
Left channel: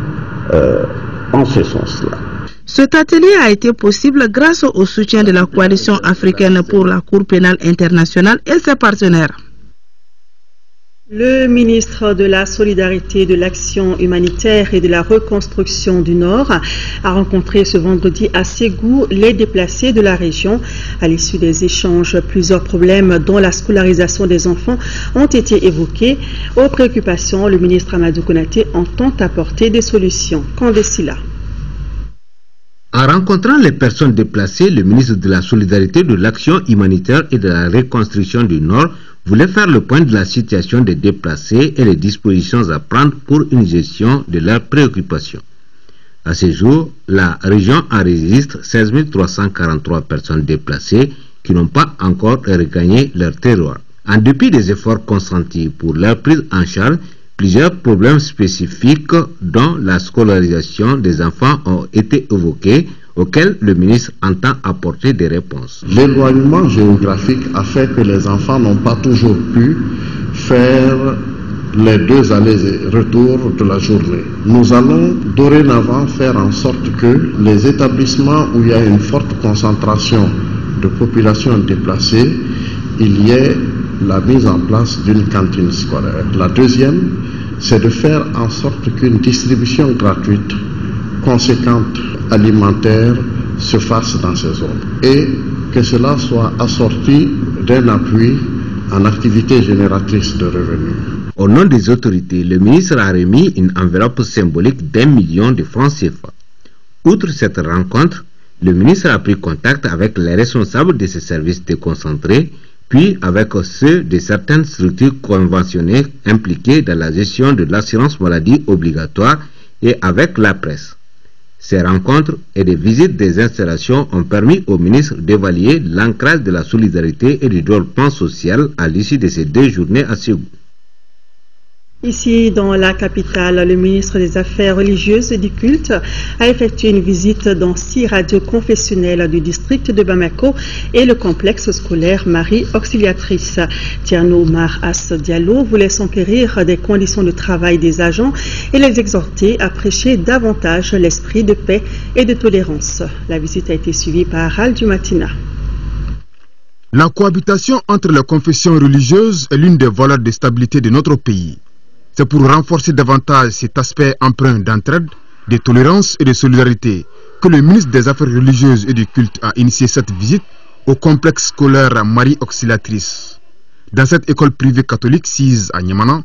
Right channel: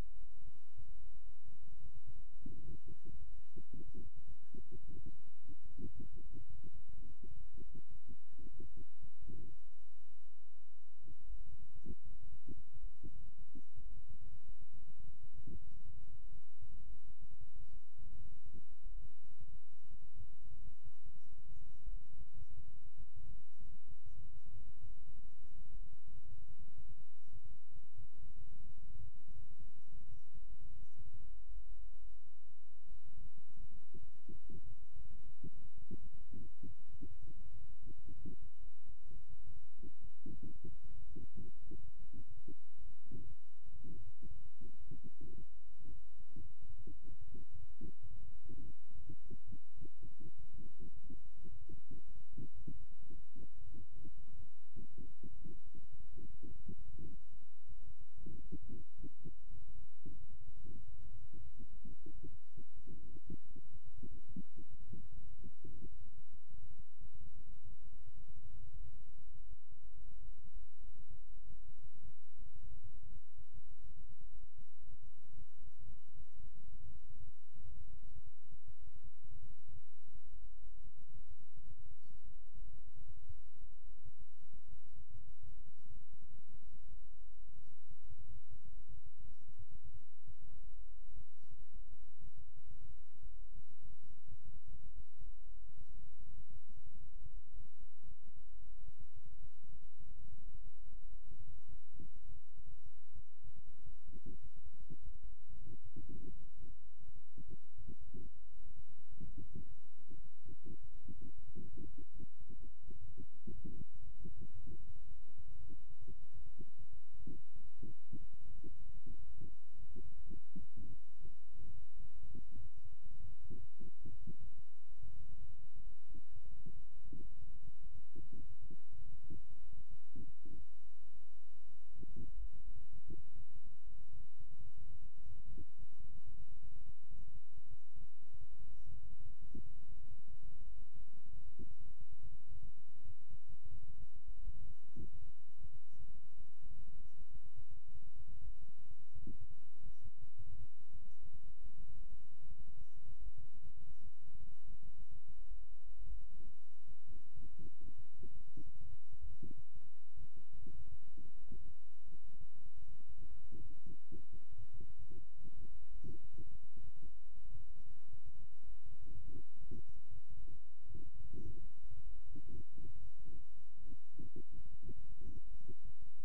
en ce sens-là. Cet atelier a été possible grâce au soutien de la coalition africaine pour la Cour pénale internationale et ses partenaires. Le ministre de la Solidarité, de l'Action humanitaire et de la Reconstruction du Nord a rencontré ce vendredi à Ségou les déplacés de la région. À l'issue des échanges, plusieurs problèmes dont la scolarisation des enfants ont été évoqués. Aux préoccupations, le ministre Amadou Konaté entend apporter des solutions. Candécila. En rencontrant les personnes déplacées, le ministre de la Solidarité, de l'Action humanitaire et de la Reconstruction du Nord voulait faire le point de la situation des déplacés et les dispositions à prendre pour une gestion de leurs préoccupations. À ce jour, la région enregistre 16 343 personnes déplacées qui n'ont pas encore regagné leur terroir. En dépit des efforts consentis pour leur prise en charge, plusieurs problèmes spécifiques dont la scolarisation des enfants ont été évoqués, auxquels le ministre entend apporter des réponses. L'éloignement géographique a fait que les enfants n'ont pas toujours pu faire les 2 allers et retours de la journée. Nous allons dorénavant faire en sorte que les établissements où il y a une forte concentration de population déplacée, il y ait la mise en place d'une cantine scolaire. La deuxième, c'est de faire en sorte qu'une distribution gratuite, conséquente, alimentaire, se fasse dans ces zones. Et que cela soit assorti d'un appui en activité génératrice de revenus. Au nom des autorités, le ministre a remis une enveloppe symbolique d'1 million de francs CFA. Outre cette rencontre, le ministre a pris contact avec les responsables de ces services déconcentrés, puis avec ceux de certaines structures conventionnées impliquées dans la gestion de l'assurance maladie obligatoire et avec la presse. Ces rencontres et des visites des installations ont permis au ministre d'évaluer l'ancrage de la solidarité et du développement social à l'issue de ces 2 journées à Ségou. Ici, dans la capitale, le ministre des Affaires religieuses et du culte a effectué une visite dans 6 radios confessionnelles du district de Bamako et le complexe scolaire Marie Auxiliatrice. Tierno Omar As Diallo voulait s'enquérir des conditions de travail des agents et les exhorter à prêcher davantage l'esprit de paix et de tolérance. La visite a été suivie par Al Matina. La cohabitation entre les confessions religieuses est l'une des valeurs de stabilité de notre pays. C'est pour renforcer davantage cet aspect empreint d'entraide, de tolérance et de solidarité que le ministre des Affaires religieuses et du culte a initié cette visite au complexe scolaire Marie Auxiliatrice. Dans cette école privée catholique sise à Niamana,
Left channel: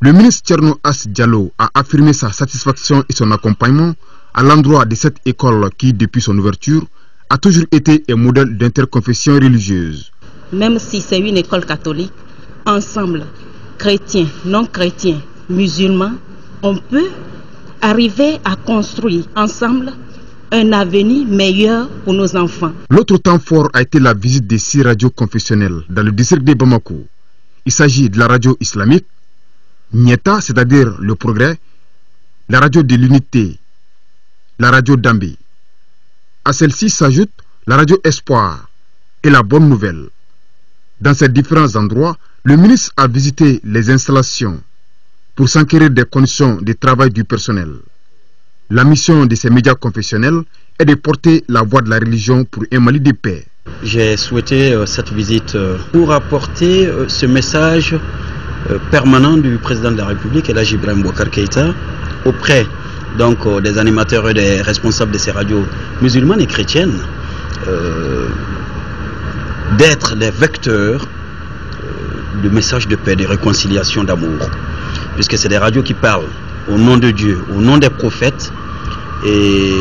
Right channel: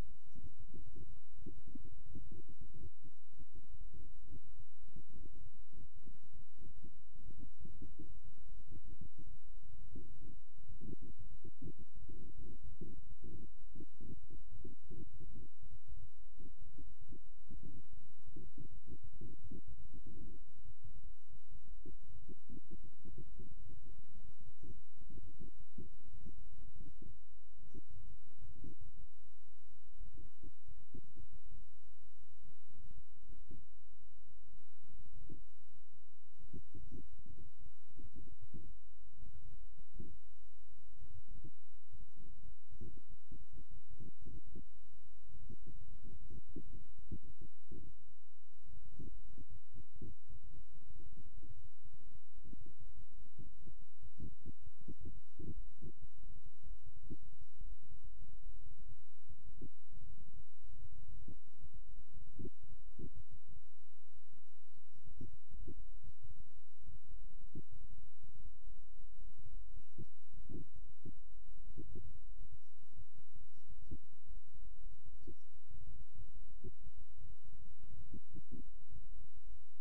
le ministre Tierno As Diallo a affirmé sa satisfaction et son accompagnement à l'endroit de cette école qui, depuis son ouverture, a toujours été un modèle d'interconfession religieuse. Même si c'est une école catholique, ensemble, chrétiens, non chrétiens, musulmans, on peut arriver à construire ensemble un avenir meilleur pour nos enfants. L'autre temps fort a été la visite des 6 radios confessionnelles dans le district de Bamako. Il s'agit de la radio islamique, Nieta, c'est-à-dire le progrès, la radio de l'unité, la radio Dambé. À celle-ci s'ajoute la radio Espoir et la bonne nouvelle. Dans ces différents endroits, le ministre a visité les installations pour s'enquérir des conditions de travail du personnel. La mission de ces médias confessionnels est de porter la voix de la religion pour un Mali de paix. J'ai souhaité cette visite pour apporter ce message permanent du président de la République, Elhadji Ibrahim Boubacar Keïta, auprès donc des animateurs et des responsables de ces radios musulmanes et chrétiennes, d'être les vecteurs de messages de paix, de réconciliation, d'amour, puisque c'est des radios qui parlent au nom de Dieu, au nom des prophètes, et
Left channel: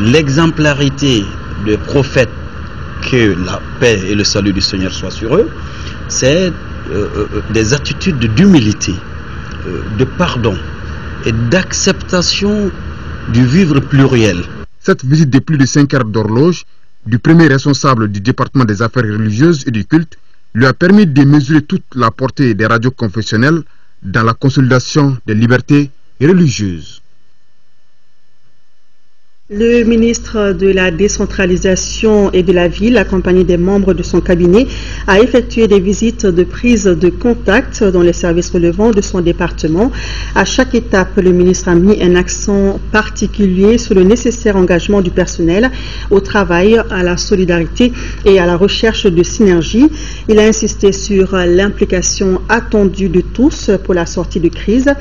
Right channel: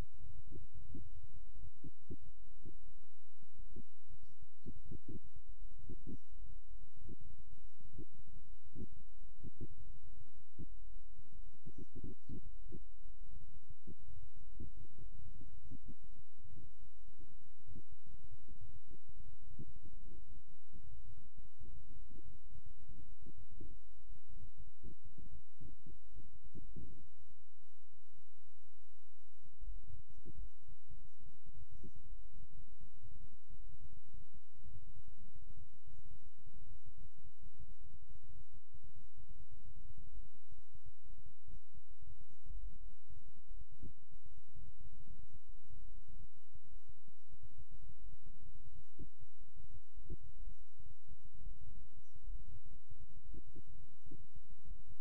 l'exemplarité des prophètes, que la paix et le salut du Seigneur soient sur eux, c'est des attitudes d'humilité, de pardon et d'acceptation du vivre pluriel. Cette visite de plus de 5 heures d'horloge du premier responsable du département des affaires religieuses et du culte lui a permis de mesurer toute la portée des radios confessionnelles dans la consolidation des libertés religieuses. Le ministre de la décentralisation et de la ville, accompagné des membres de son cabinet, a effectué des visites de prise de contact dans les services relevant de son département. À chaque étape, le ministre a mis un accent particulier sur le nécessaire engagement du personnel au travail, à la solidarité et à la recherche de synergie. Il a insisté sur l'implication attendue de tous pour la sortie de crise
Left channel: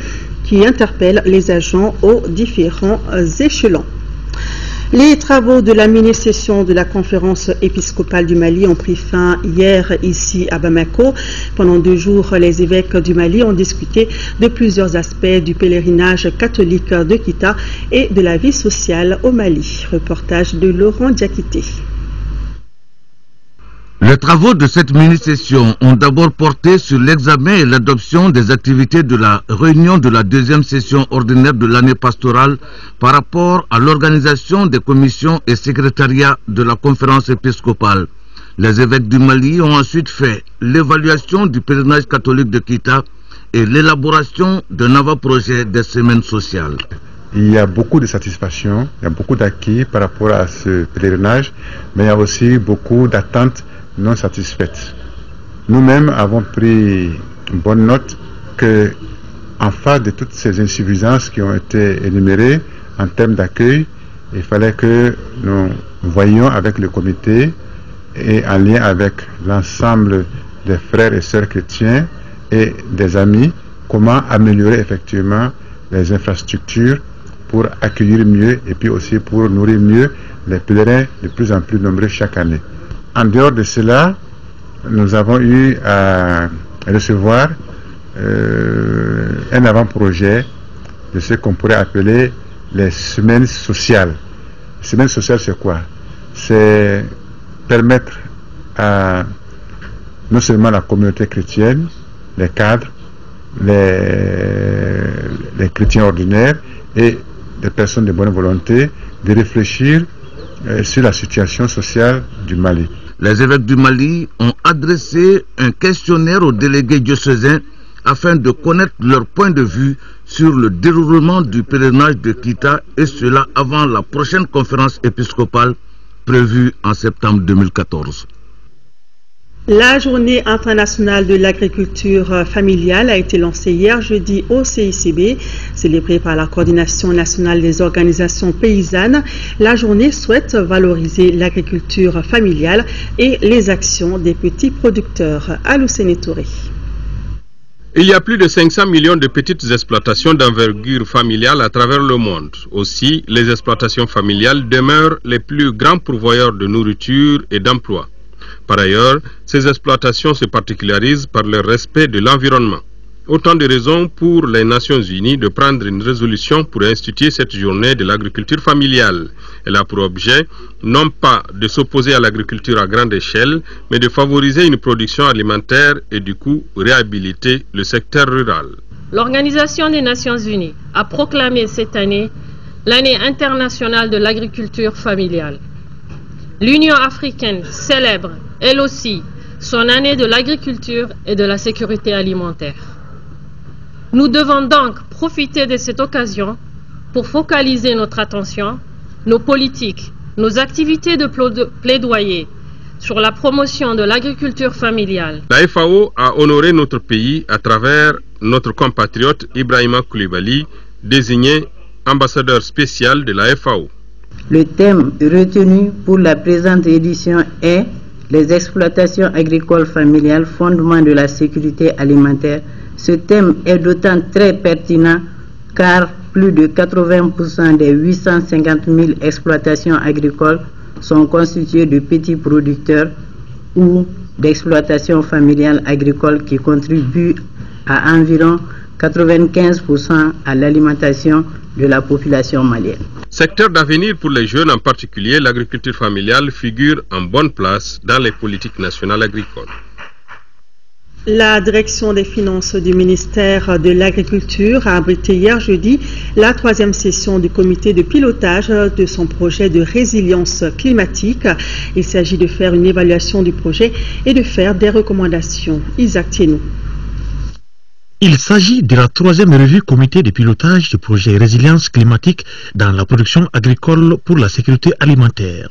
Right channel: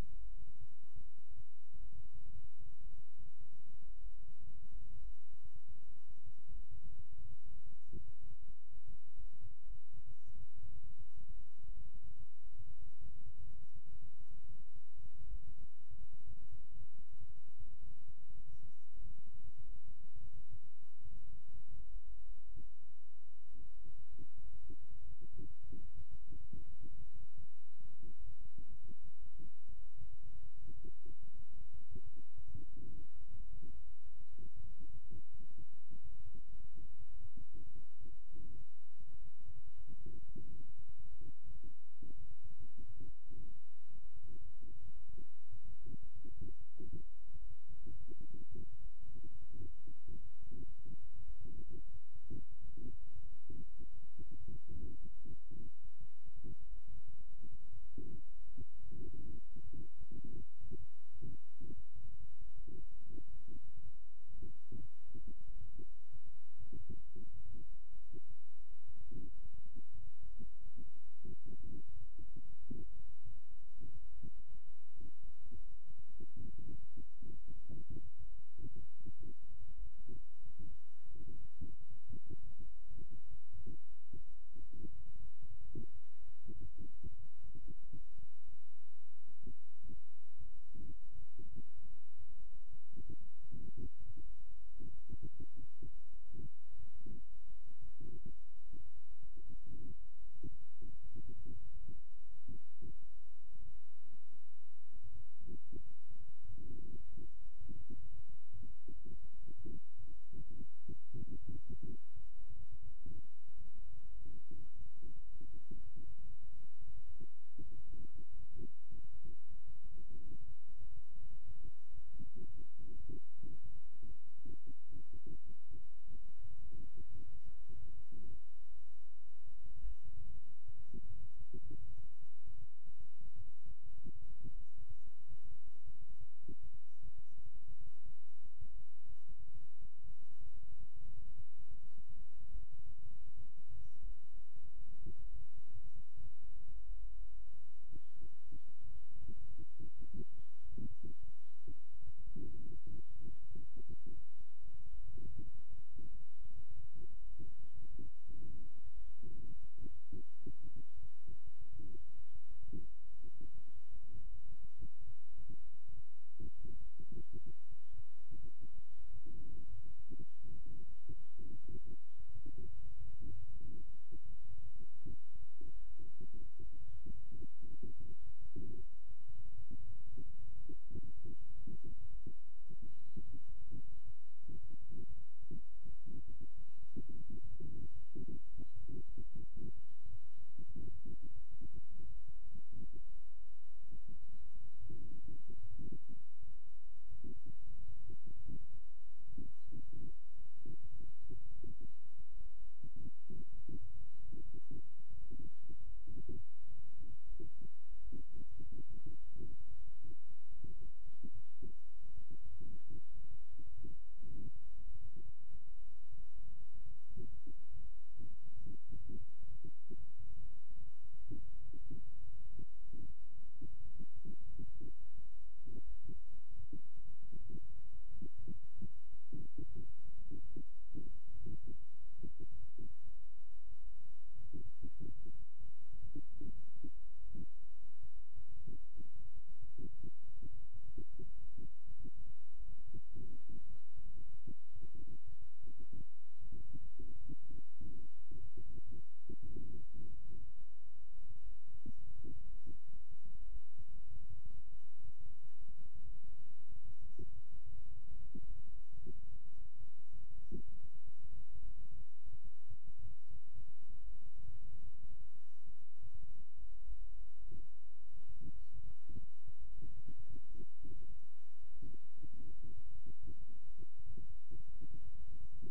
qui interpelle les agents aux différents échelons. Les travaux de la mini-session de la conférence épiscopale du Mali ont pris fin hier ici à Bamako. Pendant 2 jours, les évêques du Mali ont discuté de plusieurs aspects du pèlerinage catholique de Kita et de la vie sociale au Mali. Reportage de Laurent Diakité. Les travaux de cette mini-session ont d'abord porté sur l'examen et l'adoption des activités de la réunion de la 2e session ordinaire de l'année pastorale par rapport à l'organisation des commissions et secrétariats de la conférence épiscopale. Les évêques du Mali ont ensuite fait l'évaluation du pèlerinage catholique de Kita et l'élaboration d'un avant-projet des semaines sociales. Il y a beaucoup de satisfaction, il y a beaucoup d'acquis par rapport à ce pèlerinage, mais il y a aussi beaucoup d'attentes non satisfaites. Nous-mêmes avons pris une bonne note que, en face de toutes ces insuffisances qui ont été énumérées en termes d'accueil, il fallait que nous voyions avec le comité et en lien avec l'ensemble des frères et sœurs chrétiens et des amis, comment améliorer effectivement les infrastructures pour accueillir mieux et puis aussi pour nourrir mieux les pèlerins de plus en plus nombreux chaque année. En dehors de cela, nous avons eu à recevoir un avant-projet de ce qu'on pourrait appeler les semaines sociales. Les semaines sociales, c'est quoi? C'est permettre à non seulement la communauté chrétienne, les cadres, les chrétiens ordinaires et des personnes de bonne volonté de réfléchir sur la situation sociale du Mali. Les évêques du Mali ont adressé un questionnaire aux délégués diocésains afin de connaître leur point de vue sur le déroulement du pèlerinage de Kita, et cela avant la prochaine conférence épiscopale prévue en septembre 2014. La journée internationale de l'agriculture familiale a été lancée hier jeudi au CICB, célébrée par la coordination nationale des organisations paysannes. La journée souhaite valoriser l'agriculture familiale et les actions des petits producteurs. Aloussene Touré. Il y a plus de 500 millions de petites exploitations d'envergure familiale à travers le monde. Aussi, les exploitations familiales demeurent les plus grands pourvoyeurs de nourriture et d'emploi. Par ailleurs, ces exploitations se particularisent par le respect de l'environnement. Autant de raisons pour les Nations Unies de prendre une résolution pour instituer cette journée de l'agriculture familiale. Elle a pour objet non pas de s'opposer à l'agriculture à grande échelle, mais de favoriser une production alimentaire et du coup réhabiliter le secteur rural. L'Organisation des Nations Unies a proclamé cette année l'année internationale de l'agriculture familiale. L'Union africaine célèbre, elle aussi, son année de l'agriculture et de la sécurité alimentaire. Nous devons donc profiter de cette occasion pour focaliser notre attention, nos politiques, nos activités de plaidoyer sur la promotion de l'agriculture familiale. La FAO a honoré notre pays à travers notre compatriote Ibrahima Koulibaly, désigné ambassadeur spécial de la FAO. Le thème retenu pour la présente édition est les exploitations agricoles familiales, fondement de la sécurité alimentaire. Ce thème est d'autant très pertinent car plus de 80% des 850 000 exploitations agricoles sont constituées de petits producteurs ou d'exploitations familiales agricoles qui contribuent à environ 95% à l'alimentation de la population malienne. Secteur d'avenir pour les jeunes, en particulier l'agriculture familiale, figure en bonne place dans les politiques nationales agricoles. La direction des finances du ministère de l'Agriculture a abrité hier jeudi la 3e session du comité de pilotage de son projet de résilience climatique. Il s'agit de faire une évaluation du projet et de faire des recommandations. Isaac Thienou. Il s'agit de la 3e revue comité de pilotage du projet résilience climatique dans la production agricole pour la sécurité alimentaire.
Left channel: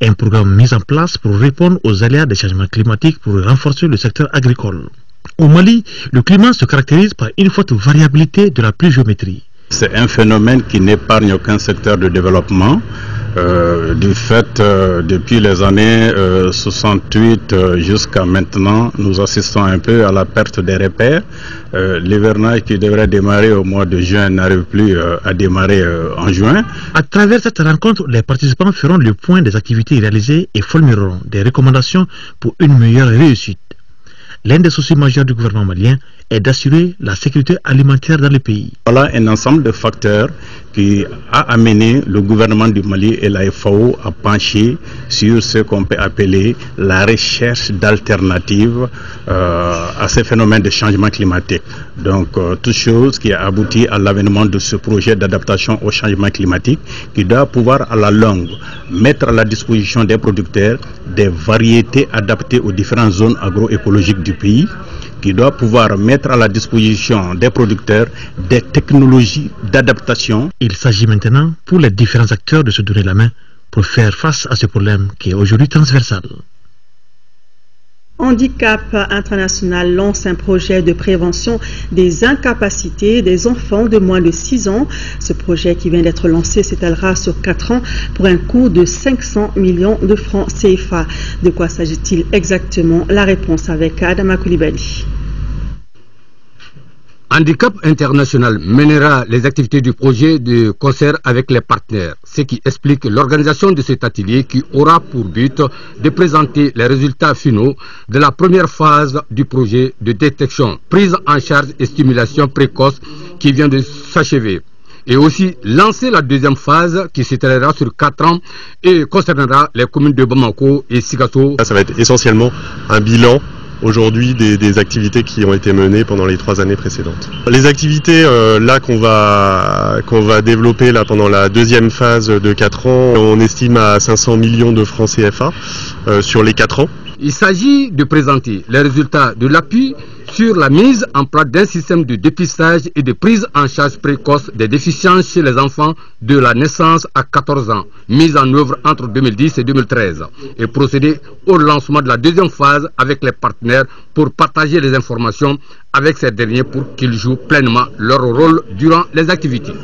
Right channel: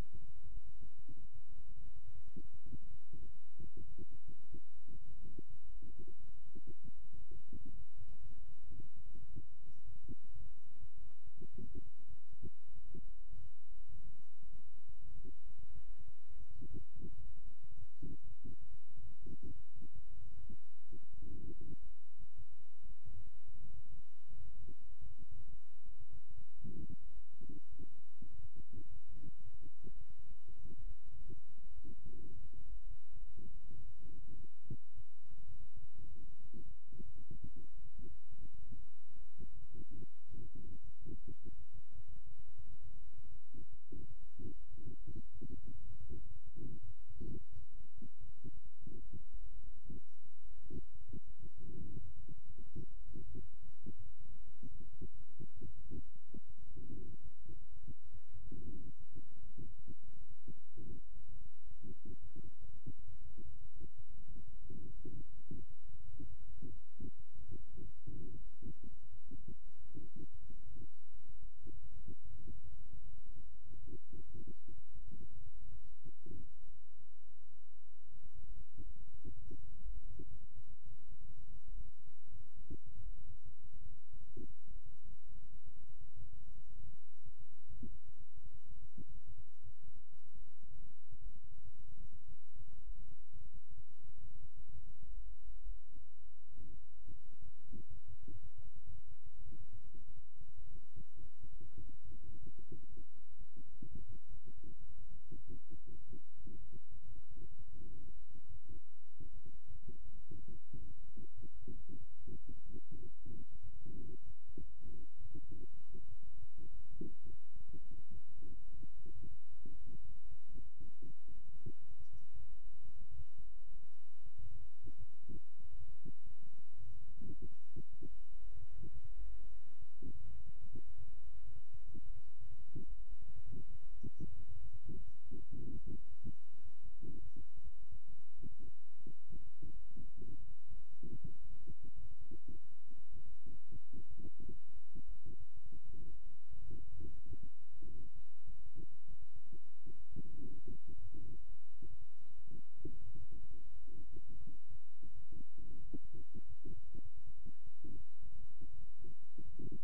Un programme mis en place pour répondre aux aléas des changements climatiques pour renforcer le secteur agricole. Au Mali, le climat se caractérise par une forte variabilité de la pluviométrie. C'est un phénomène qui n'épargne aucun secteur de développement. Du fait, depuis les années 68 jusqu'à maintenant, nous assistons un peu à la perte des repères. L'hivernage qui devrait démarrer au mois de juin n'arrive plus à démarrer en juin. À travers cette rencontre, les participants feront le point des activités réalisées et formuleront des recommandations pour une meilleure réussite. L'un des soucis majeurs du gouvernement malien est d'assurer la sécurité alimentaire dans le pays. Voilà un ensemble de facteurs qui a amené le gouvernement du Mali et la FAO à pencher sur ce qu'on peut appeler la recherche d'alternatives à ces phénomènes de changement climatique. Donc, toute chose qui a abouti à l'avènement de ce projet d'adaptation au changement climatique qui doit pouvoir à la longue mettre à la disposition des producteurs des variétés adaptées aux différentes zones agroécologiques du pays, qui doit pouvoir mettre à la disposition des producteurs des technologies d'adaptation. Il s'agit maintenant pour les différents acteurs de se donner la main pour faire face à ce problème qui est aujourd'hui transversal. Handicap International lance un projet de prévention des incapacités des enfants de moins de 6 ans. Ce projet qui vient d'être lancé s'étalera sur 4 ans pour un coût de 500 millions de francs CFA. De quoi s'agit-il exactement? La réponse avec Adama Koulibaly. Handicap International mènera les activités du projet de concert avec les partenaires, ce qui explique l'organisation de cet atelier qui aura pour but de présenter les résultats finaux de la première phase du projet de détection, prise en charge et stimulation précoce qui vient de s'achever. Et aussi lancer la deuxième phase qui s'étalera sur 4 ans et concernera les communes de Bamako et Sikasso. Ça va être essentiellement un bilan aujourd'hui des activités qui ont été menées pendant les 3 années précédentes. Les activités là qu'on va développer là pendant la deuxième phase de 4 ans, on estime à 500 millions de francs CFA sur les 4 ans. Il s'agit de présenter les résultats de l'appui sur la mise en place d'un système de dépistage et de prise en charge précoce des déficiences chez les enfants de la naissance à 14 ans, mise en œuvre entre 2010 et 2013, et procéder au lancement de la deuxième phase avec les partenaires pour partager les informations avec ces derniers pour qu'ils jouent pleinement leur rôle durant les activités.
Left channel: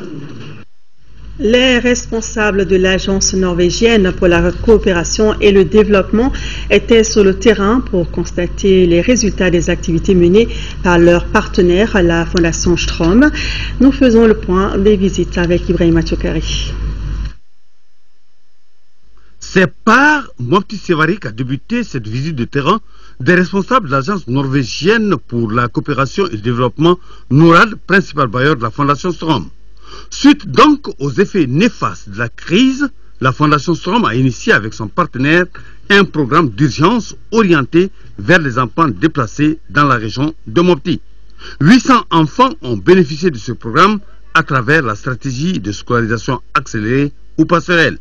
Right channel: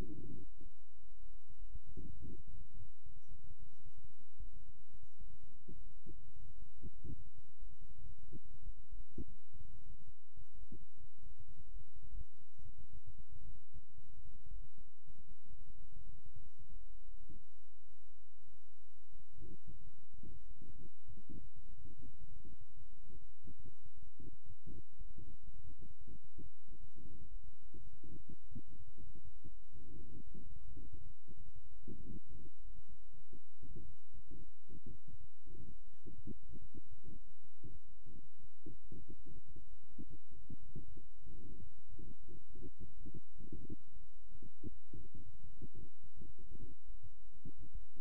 Les responsables de l'agence norvégienne pour la coopération et le développement étaient sur le terrain pour constater les résultats des activités menées par leur partenaire, la Fondation Strom. Nous faisons le point des visites avec Ibrahima Tchokari. C'est par Mopti Sevary qu'a débuté cette visite de terrain des responsables de l'agence norvégienne pour la coopération et le développement, NORAD, principal bailleur de la Fondation Strom. Suite donc aux effets néfastes de la crise, la Fondation Strom a initié avec son partenaire un programme d'urgence orienté vers les enfants déplacés dans la région de Mopti. 800 enfants ont bénéficié de ce programme à travers la stratégie de scolarisation accélérée ou passerelle.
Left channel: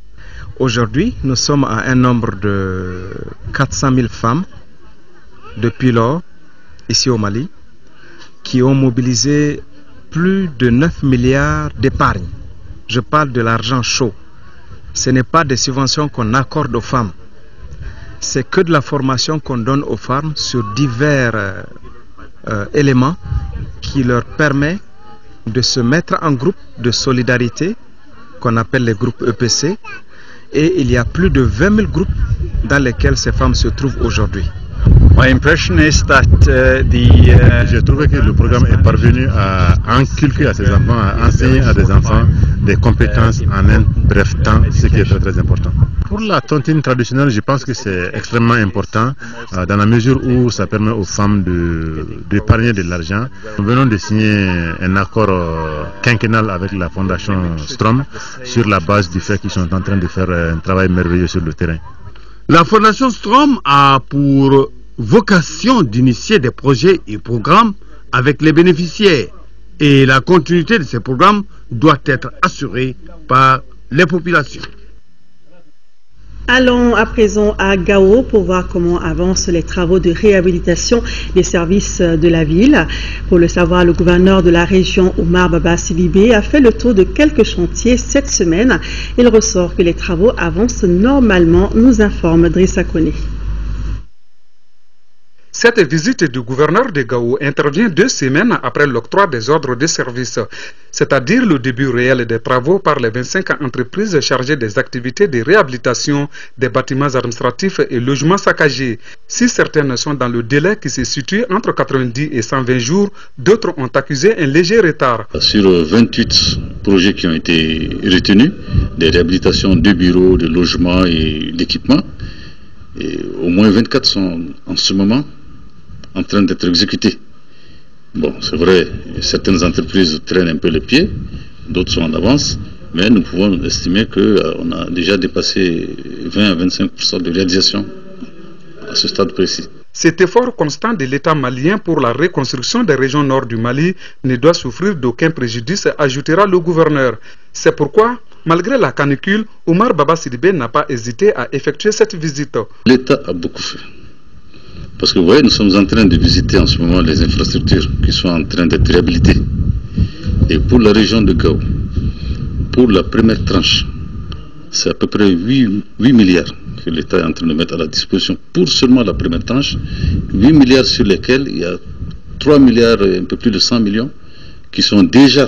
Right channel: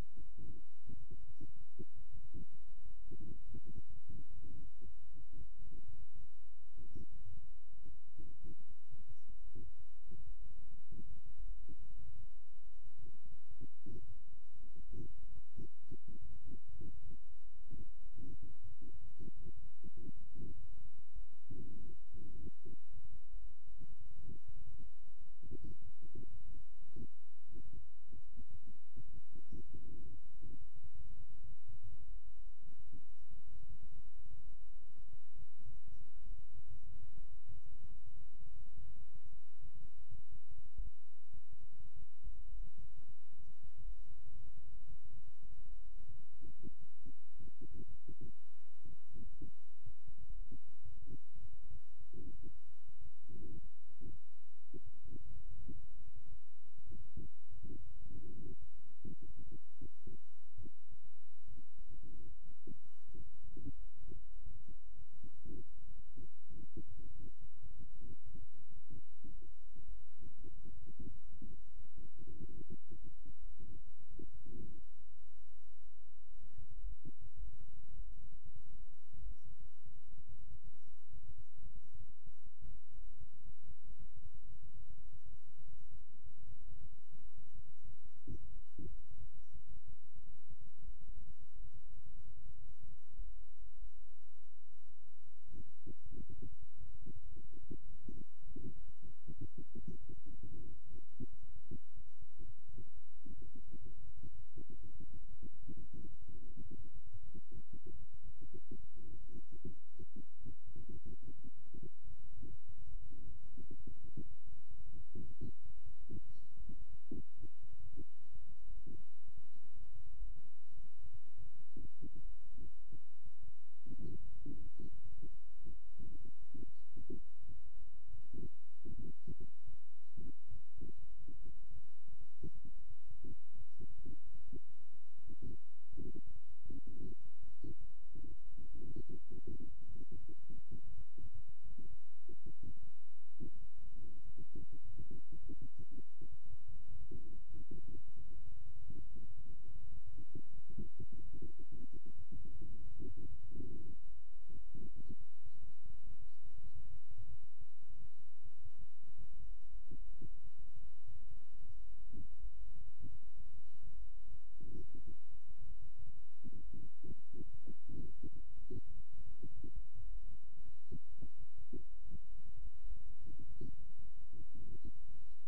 Aujourd'hui, nous sommes à un nombre de 400 000 femmes depuis lors, ici au Mali, qui ont mobilisé plus de 9 milliards d'épargne. Je parle de l'argent chaud. Ce n'est pas des subventions qu'on accorde aux femmes. C'est que de la formation qu'on donne aux femmes sur divers éléments qui leur permet de se mettre en groupe de solidarité qu'on appelle les groupes EPC. Et il y a plus de 20 000 groupes dans lesquels ces femmes se trouvent aujourd'hui. J'ai trouvé que le programme est parvenu à inculquer à ces enfants, à enseigner à des enfants des compétences en un bref temps, ce qui est très très important. Pour la tontine traditionnelle, je pense que c'est extrêmement important dans la mesure où ça permet aux femmes d'épargner de l'argent. Nous venons de signer un accord quinquennal avec la fondation Strom sur la base du fait qu'ils sont en train de faire un travail merveilleux sur le terrain. La fondation Strom a pour vocation d'initier des projets et programmes avec les bénéficiaires et la continuité de ces programmes doit être assurée par les populations. Allons à présent à Gao pour voir comment avancent les travaux de réhabilitation des services de la ville. Pour le savoir, le gouverneur de la région, Omar Baba Sidibé, a fait le tour de quelques chantiers cette semaine. Il ressort que les travaux avancent normalement, nous informe Drissa Kone. Cette visite du gouverneur de Gao intervient 2 semaines après l'octroi des ordres de service, c'est-à-dire le début réel des travaux par les 25 entreprises chargées des activités de réhabilitation des bâtiments administratifs et logements saccagés. Si certaines sont dans le délai qui se situe entre 90 et 120 jours, d'autres ont accusé un léger retard. Sur 28 projets qui ont été retenus, des réhabilitations de bureaux, de logements et d'équipements, au moins 24 sont en ce moment en train d'être exécutés. Bon, c'est vrai, certaines entreprises traînent un peu les pieds, d'autres sont en avance, mais nous pouvons estimer qu'on a déjà dépassé 20 à 25% de réalisation à ce stade précis. Cet effort constant de l'État malien pour la reconstruction des régions nord du Mali ne doit souffrir d'aucun préjudice, ajoutera le gouverneur. C'est pourquoi, malgré la canicule, Omar Baba Sidibé n'a pas hésité à effectuer cette visite. L'État a beaucoup fait. Parce que vous voyez, nous sommes en train de visiter en ce moment les infrastructures qui sont en train d'être réhabilitées. Et pour la région de Gao, pour la première tranche, c'est à peu près 8 milliards que l'État est en train de mettre à la disposition pour seulement la première tranche. 8 milliards sur lesquels il y a 3 milliards et un peu plus de 100 millions qui sont déjà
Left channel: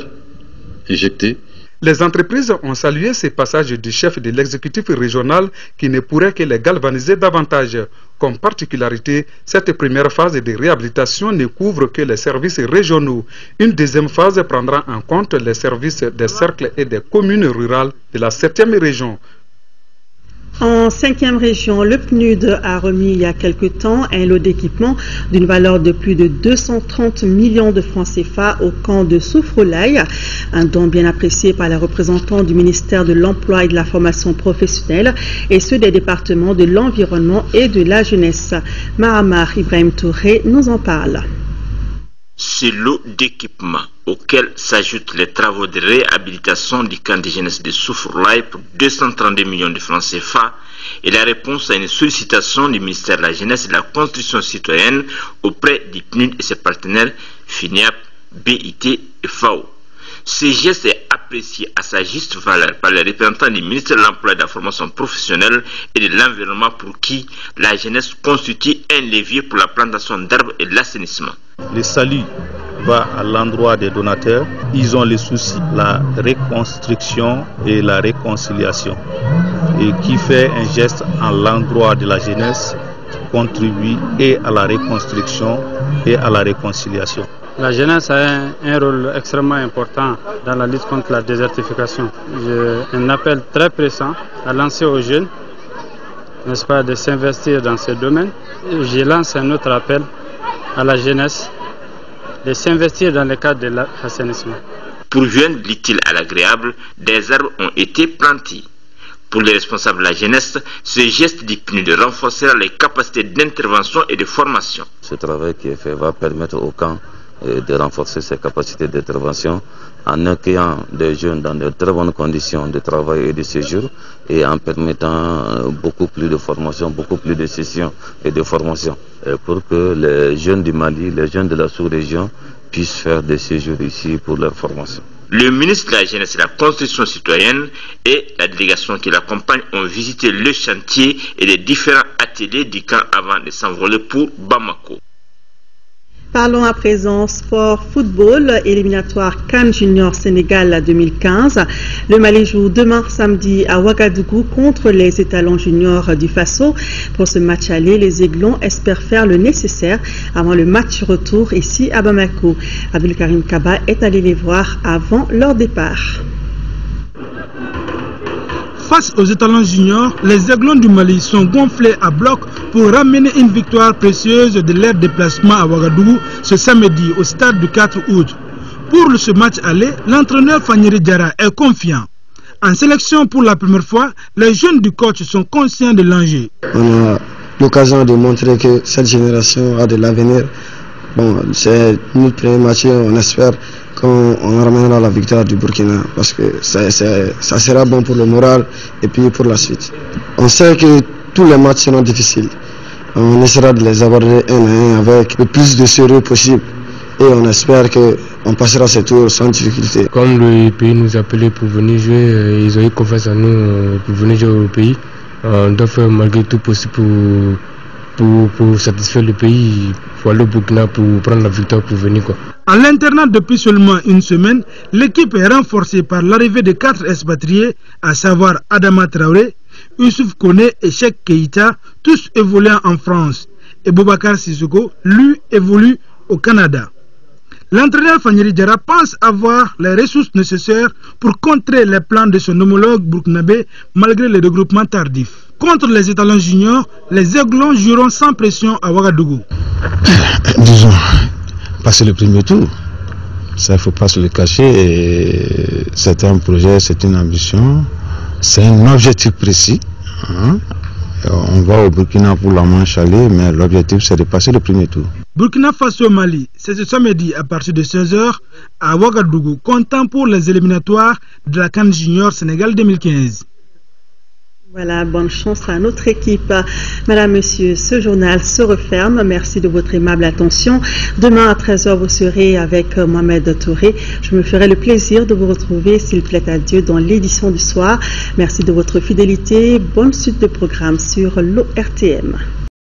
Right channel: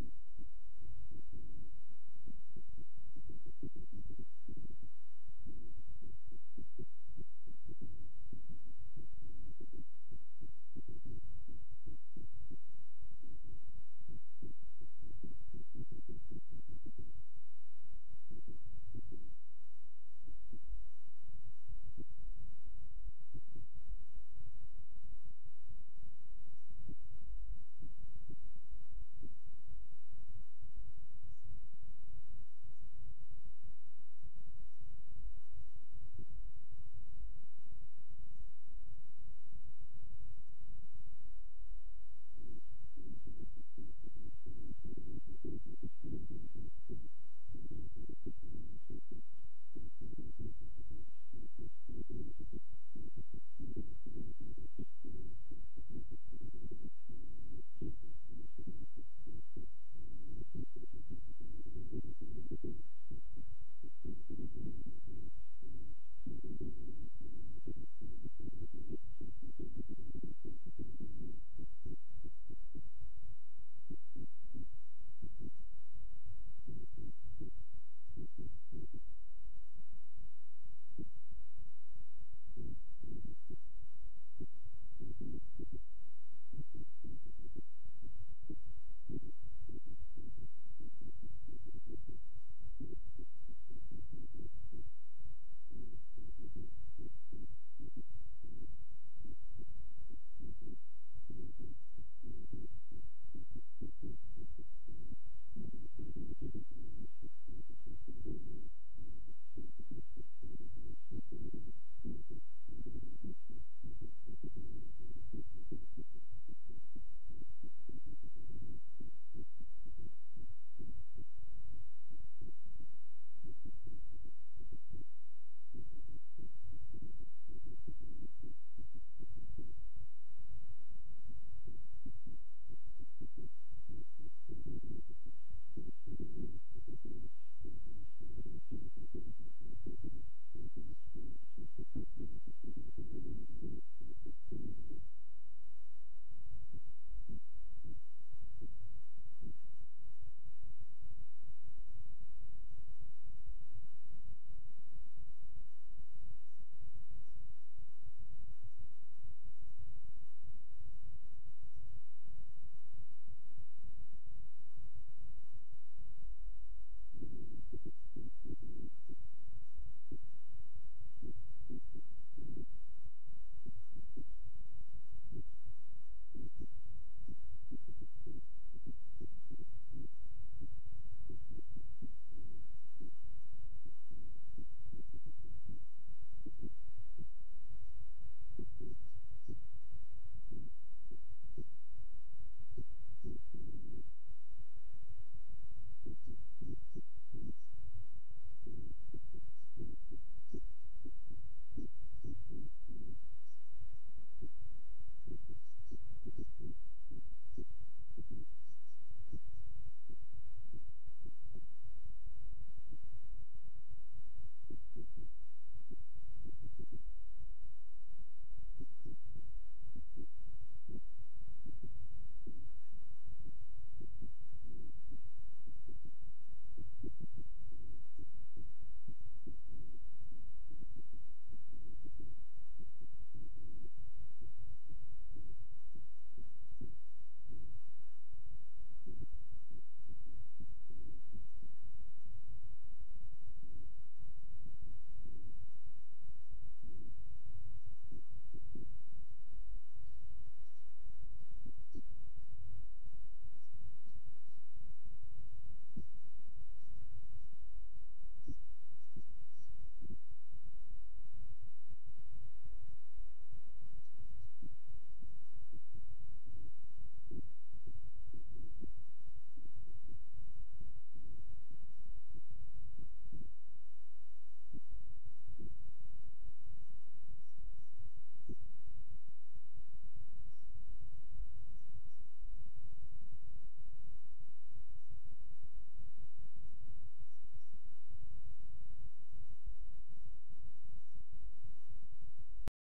injectés. Les entreprises ont salué ces passages du chef de l'exécutif régional qui ne pourrait que les galvaniser davantage. Comme particularité, cette première phase de réhabilitation ne couvre que les services régionaux. Une deuxième phase prendra en compte les services des cercles et des communes rurales de la 7e région. En 5e région, le PNUD a remis il y a quelque temps un lot d'équipement d'une valeur de plus de 230 millions de francs CFA au camp de Soufroulaye, un don bien apprécié par les représentants du ministère de l'Emploi et de la Formation professionnelle et ceux des départements de l'Environnement et de la Jeunesse. Mahamar Ibrahim Touré nous en parle. Ce lot d'équipements auquel s'ajoutent les travaux de réhabilitation du camp de jeunesse de Soufroulaye pour 232 millions de francs CFA est la réponse à une sollicitation du ministère de la Jeunesse et de la Construction citoyenne auprès du PNUD et ses partenaires FINEAP, BIT et FAO. Ce geste est apprécié à sa juste valeur par les représentants du ministère de l'Emploi et de la Formation professionnelle et de l'Environnement pour qui la jeunesse constitue un levier pour la plantation d'arbres et l'assainissement. Le salut va à l'endroit des donateurs. Ils ont le souci, la reconstruction et la réconciliation. Et qui fait un geste à l'endroit de la jeunesse contribue et à la reconstruction et à la réconciliation. La jeunesse a un rôle extrêmement important dans la lutte contre la désertification. J'ai un appel très pressant à lancer aux jeunes, n'est-ce pas, de s'investir dans ce domaine. Je lance un autre appel à la jeunesse de s'investir dans le cadre de l'assainissement. Pour joindre l'utile à l'agréable, des arbres ont été plantés. Pour les responsables de la jeunesse, ce geste du PNUD renforcera les capacités d'intervention et de formation. Ce travail qui est fait va permettre au camp de renforcer ses capacités d'intervention en accueillant des jeunes dans de très bonnes conditions de travail et de séjour et en permettant beaucoup plus de formation, beaucoup plus de sessions et de formation pour que les jeunes du Mali, les jeunes de la sous-région puissent faire des séjours ici pour leur formation. Le ministre de la Jeunesse et de la Construction citoyenne et la délégation qui l'accompagne ont visité le chantier et les différents ateliers du camp avant de s'envoler pour Bamako. Parlons à présent sport football, éliminatoire CAN Junior Sénégal 2015. Le Mali joue demain samedi à Ouagadougou contre les étalons juniors du Faso. Pour ce match aller, les Aiglons espèrent faire le nécessaire avant le match retour ici à Bamako. Abdelkarim Kaba est allé les voir avant leur départ. Face aux étalons juniors, les Aiglons du Mali sont gonflés à bloc pour ramener une victoire précieuse de leur déplacement à Ouagadougou ce samedi au stade du 4 août. Pour ce match aller, l'entraîneur Fanyeri Diarra est confiant. En sélection pour la première fois, les jeunes du coach sont conscients de l'enjeu. On a l'occasion de montrer que cette génération a de l'avenir. Bon, c'est notre premier match, on espère qu'on ramènera la victoire du Burkina parce que ça sera bon pour le moral et puis pour la suite. On sait que tous les matchs seront difficiles. On essaiera de les aborder un à un avec le plus de sérieux possible et on espère qu'on passera ce tour sans difficulté. Comme le pays nous appelait pour venir jouer, ils ont eu confiance en nous pour venir jouer au pays. On doit faire malgré tout possible pour satisfaire le pays, pour aller au Burkina pour prendre la victoire pour venir quoi. À l'internat depuis seulement une semaine, l'équipe est renforcée par l'arrivée de 4 expatriés, à savoir Adama Traoré, Youssouf Kone et Cheikh Keïta, tous évoluant en France. Et Boubacar Sissoko, lui, évolue au Canada. L'entraîneur Fanyeri Diarra pense avoir les ressources nécessaires pour contrer les plans de son homologue burkinabé malgré le regroupement tardif. Contre les étalons juniors, les Aiglons joueront sans pression à Ouagadougou. Disons, passer le premier tour, ça il ne faut pas se le cacher. C'est un projet, c'est une ambition, c'est un objectif précis. On va au Burkina pour la manche aller, mais l'objectif c'est de passer le premier tour. Burkina Faso Mali, c'est ce samedi à partir de 16h à Ouagadougou, comptant pour les éliminatoires de la CAN Junior Sénégal 2015. Voilà, bonne chance à notre équipe. Madame, Monsieur, ce journal se referme. Merci de votre aimable attention. Demain à 13h, vous serez avec Mohamed Touré. Je me ferai le plaisir de vous retrouver, s'il plaît à Dieu, dans l'édition du soir. Merci de votre fidélité. Bonne suite de programme sur l'ORTM.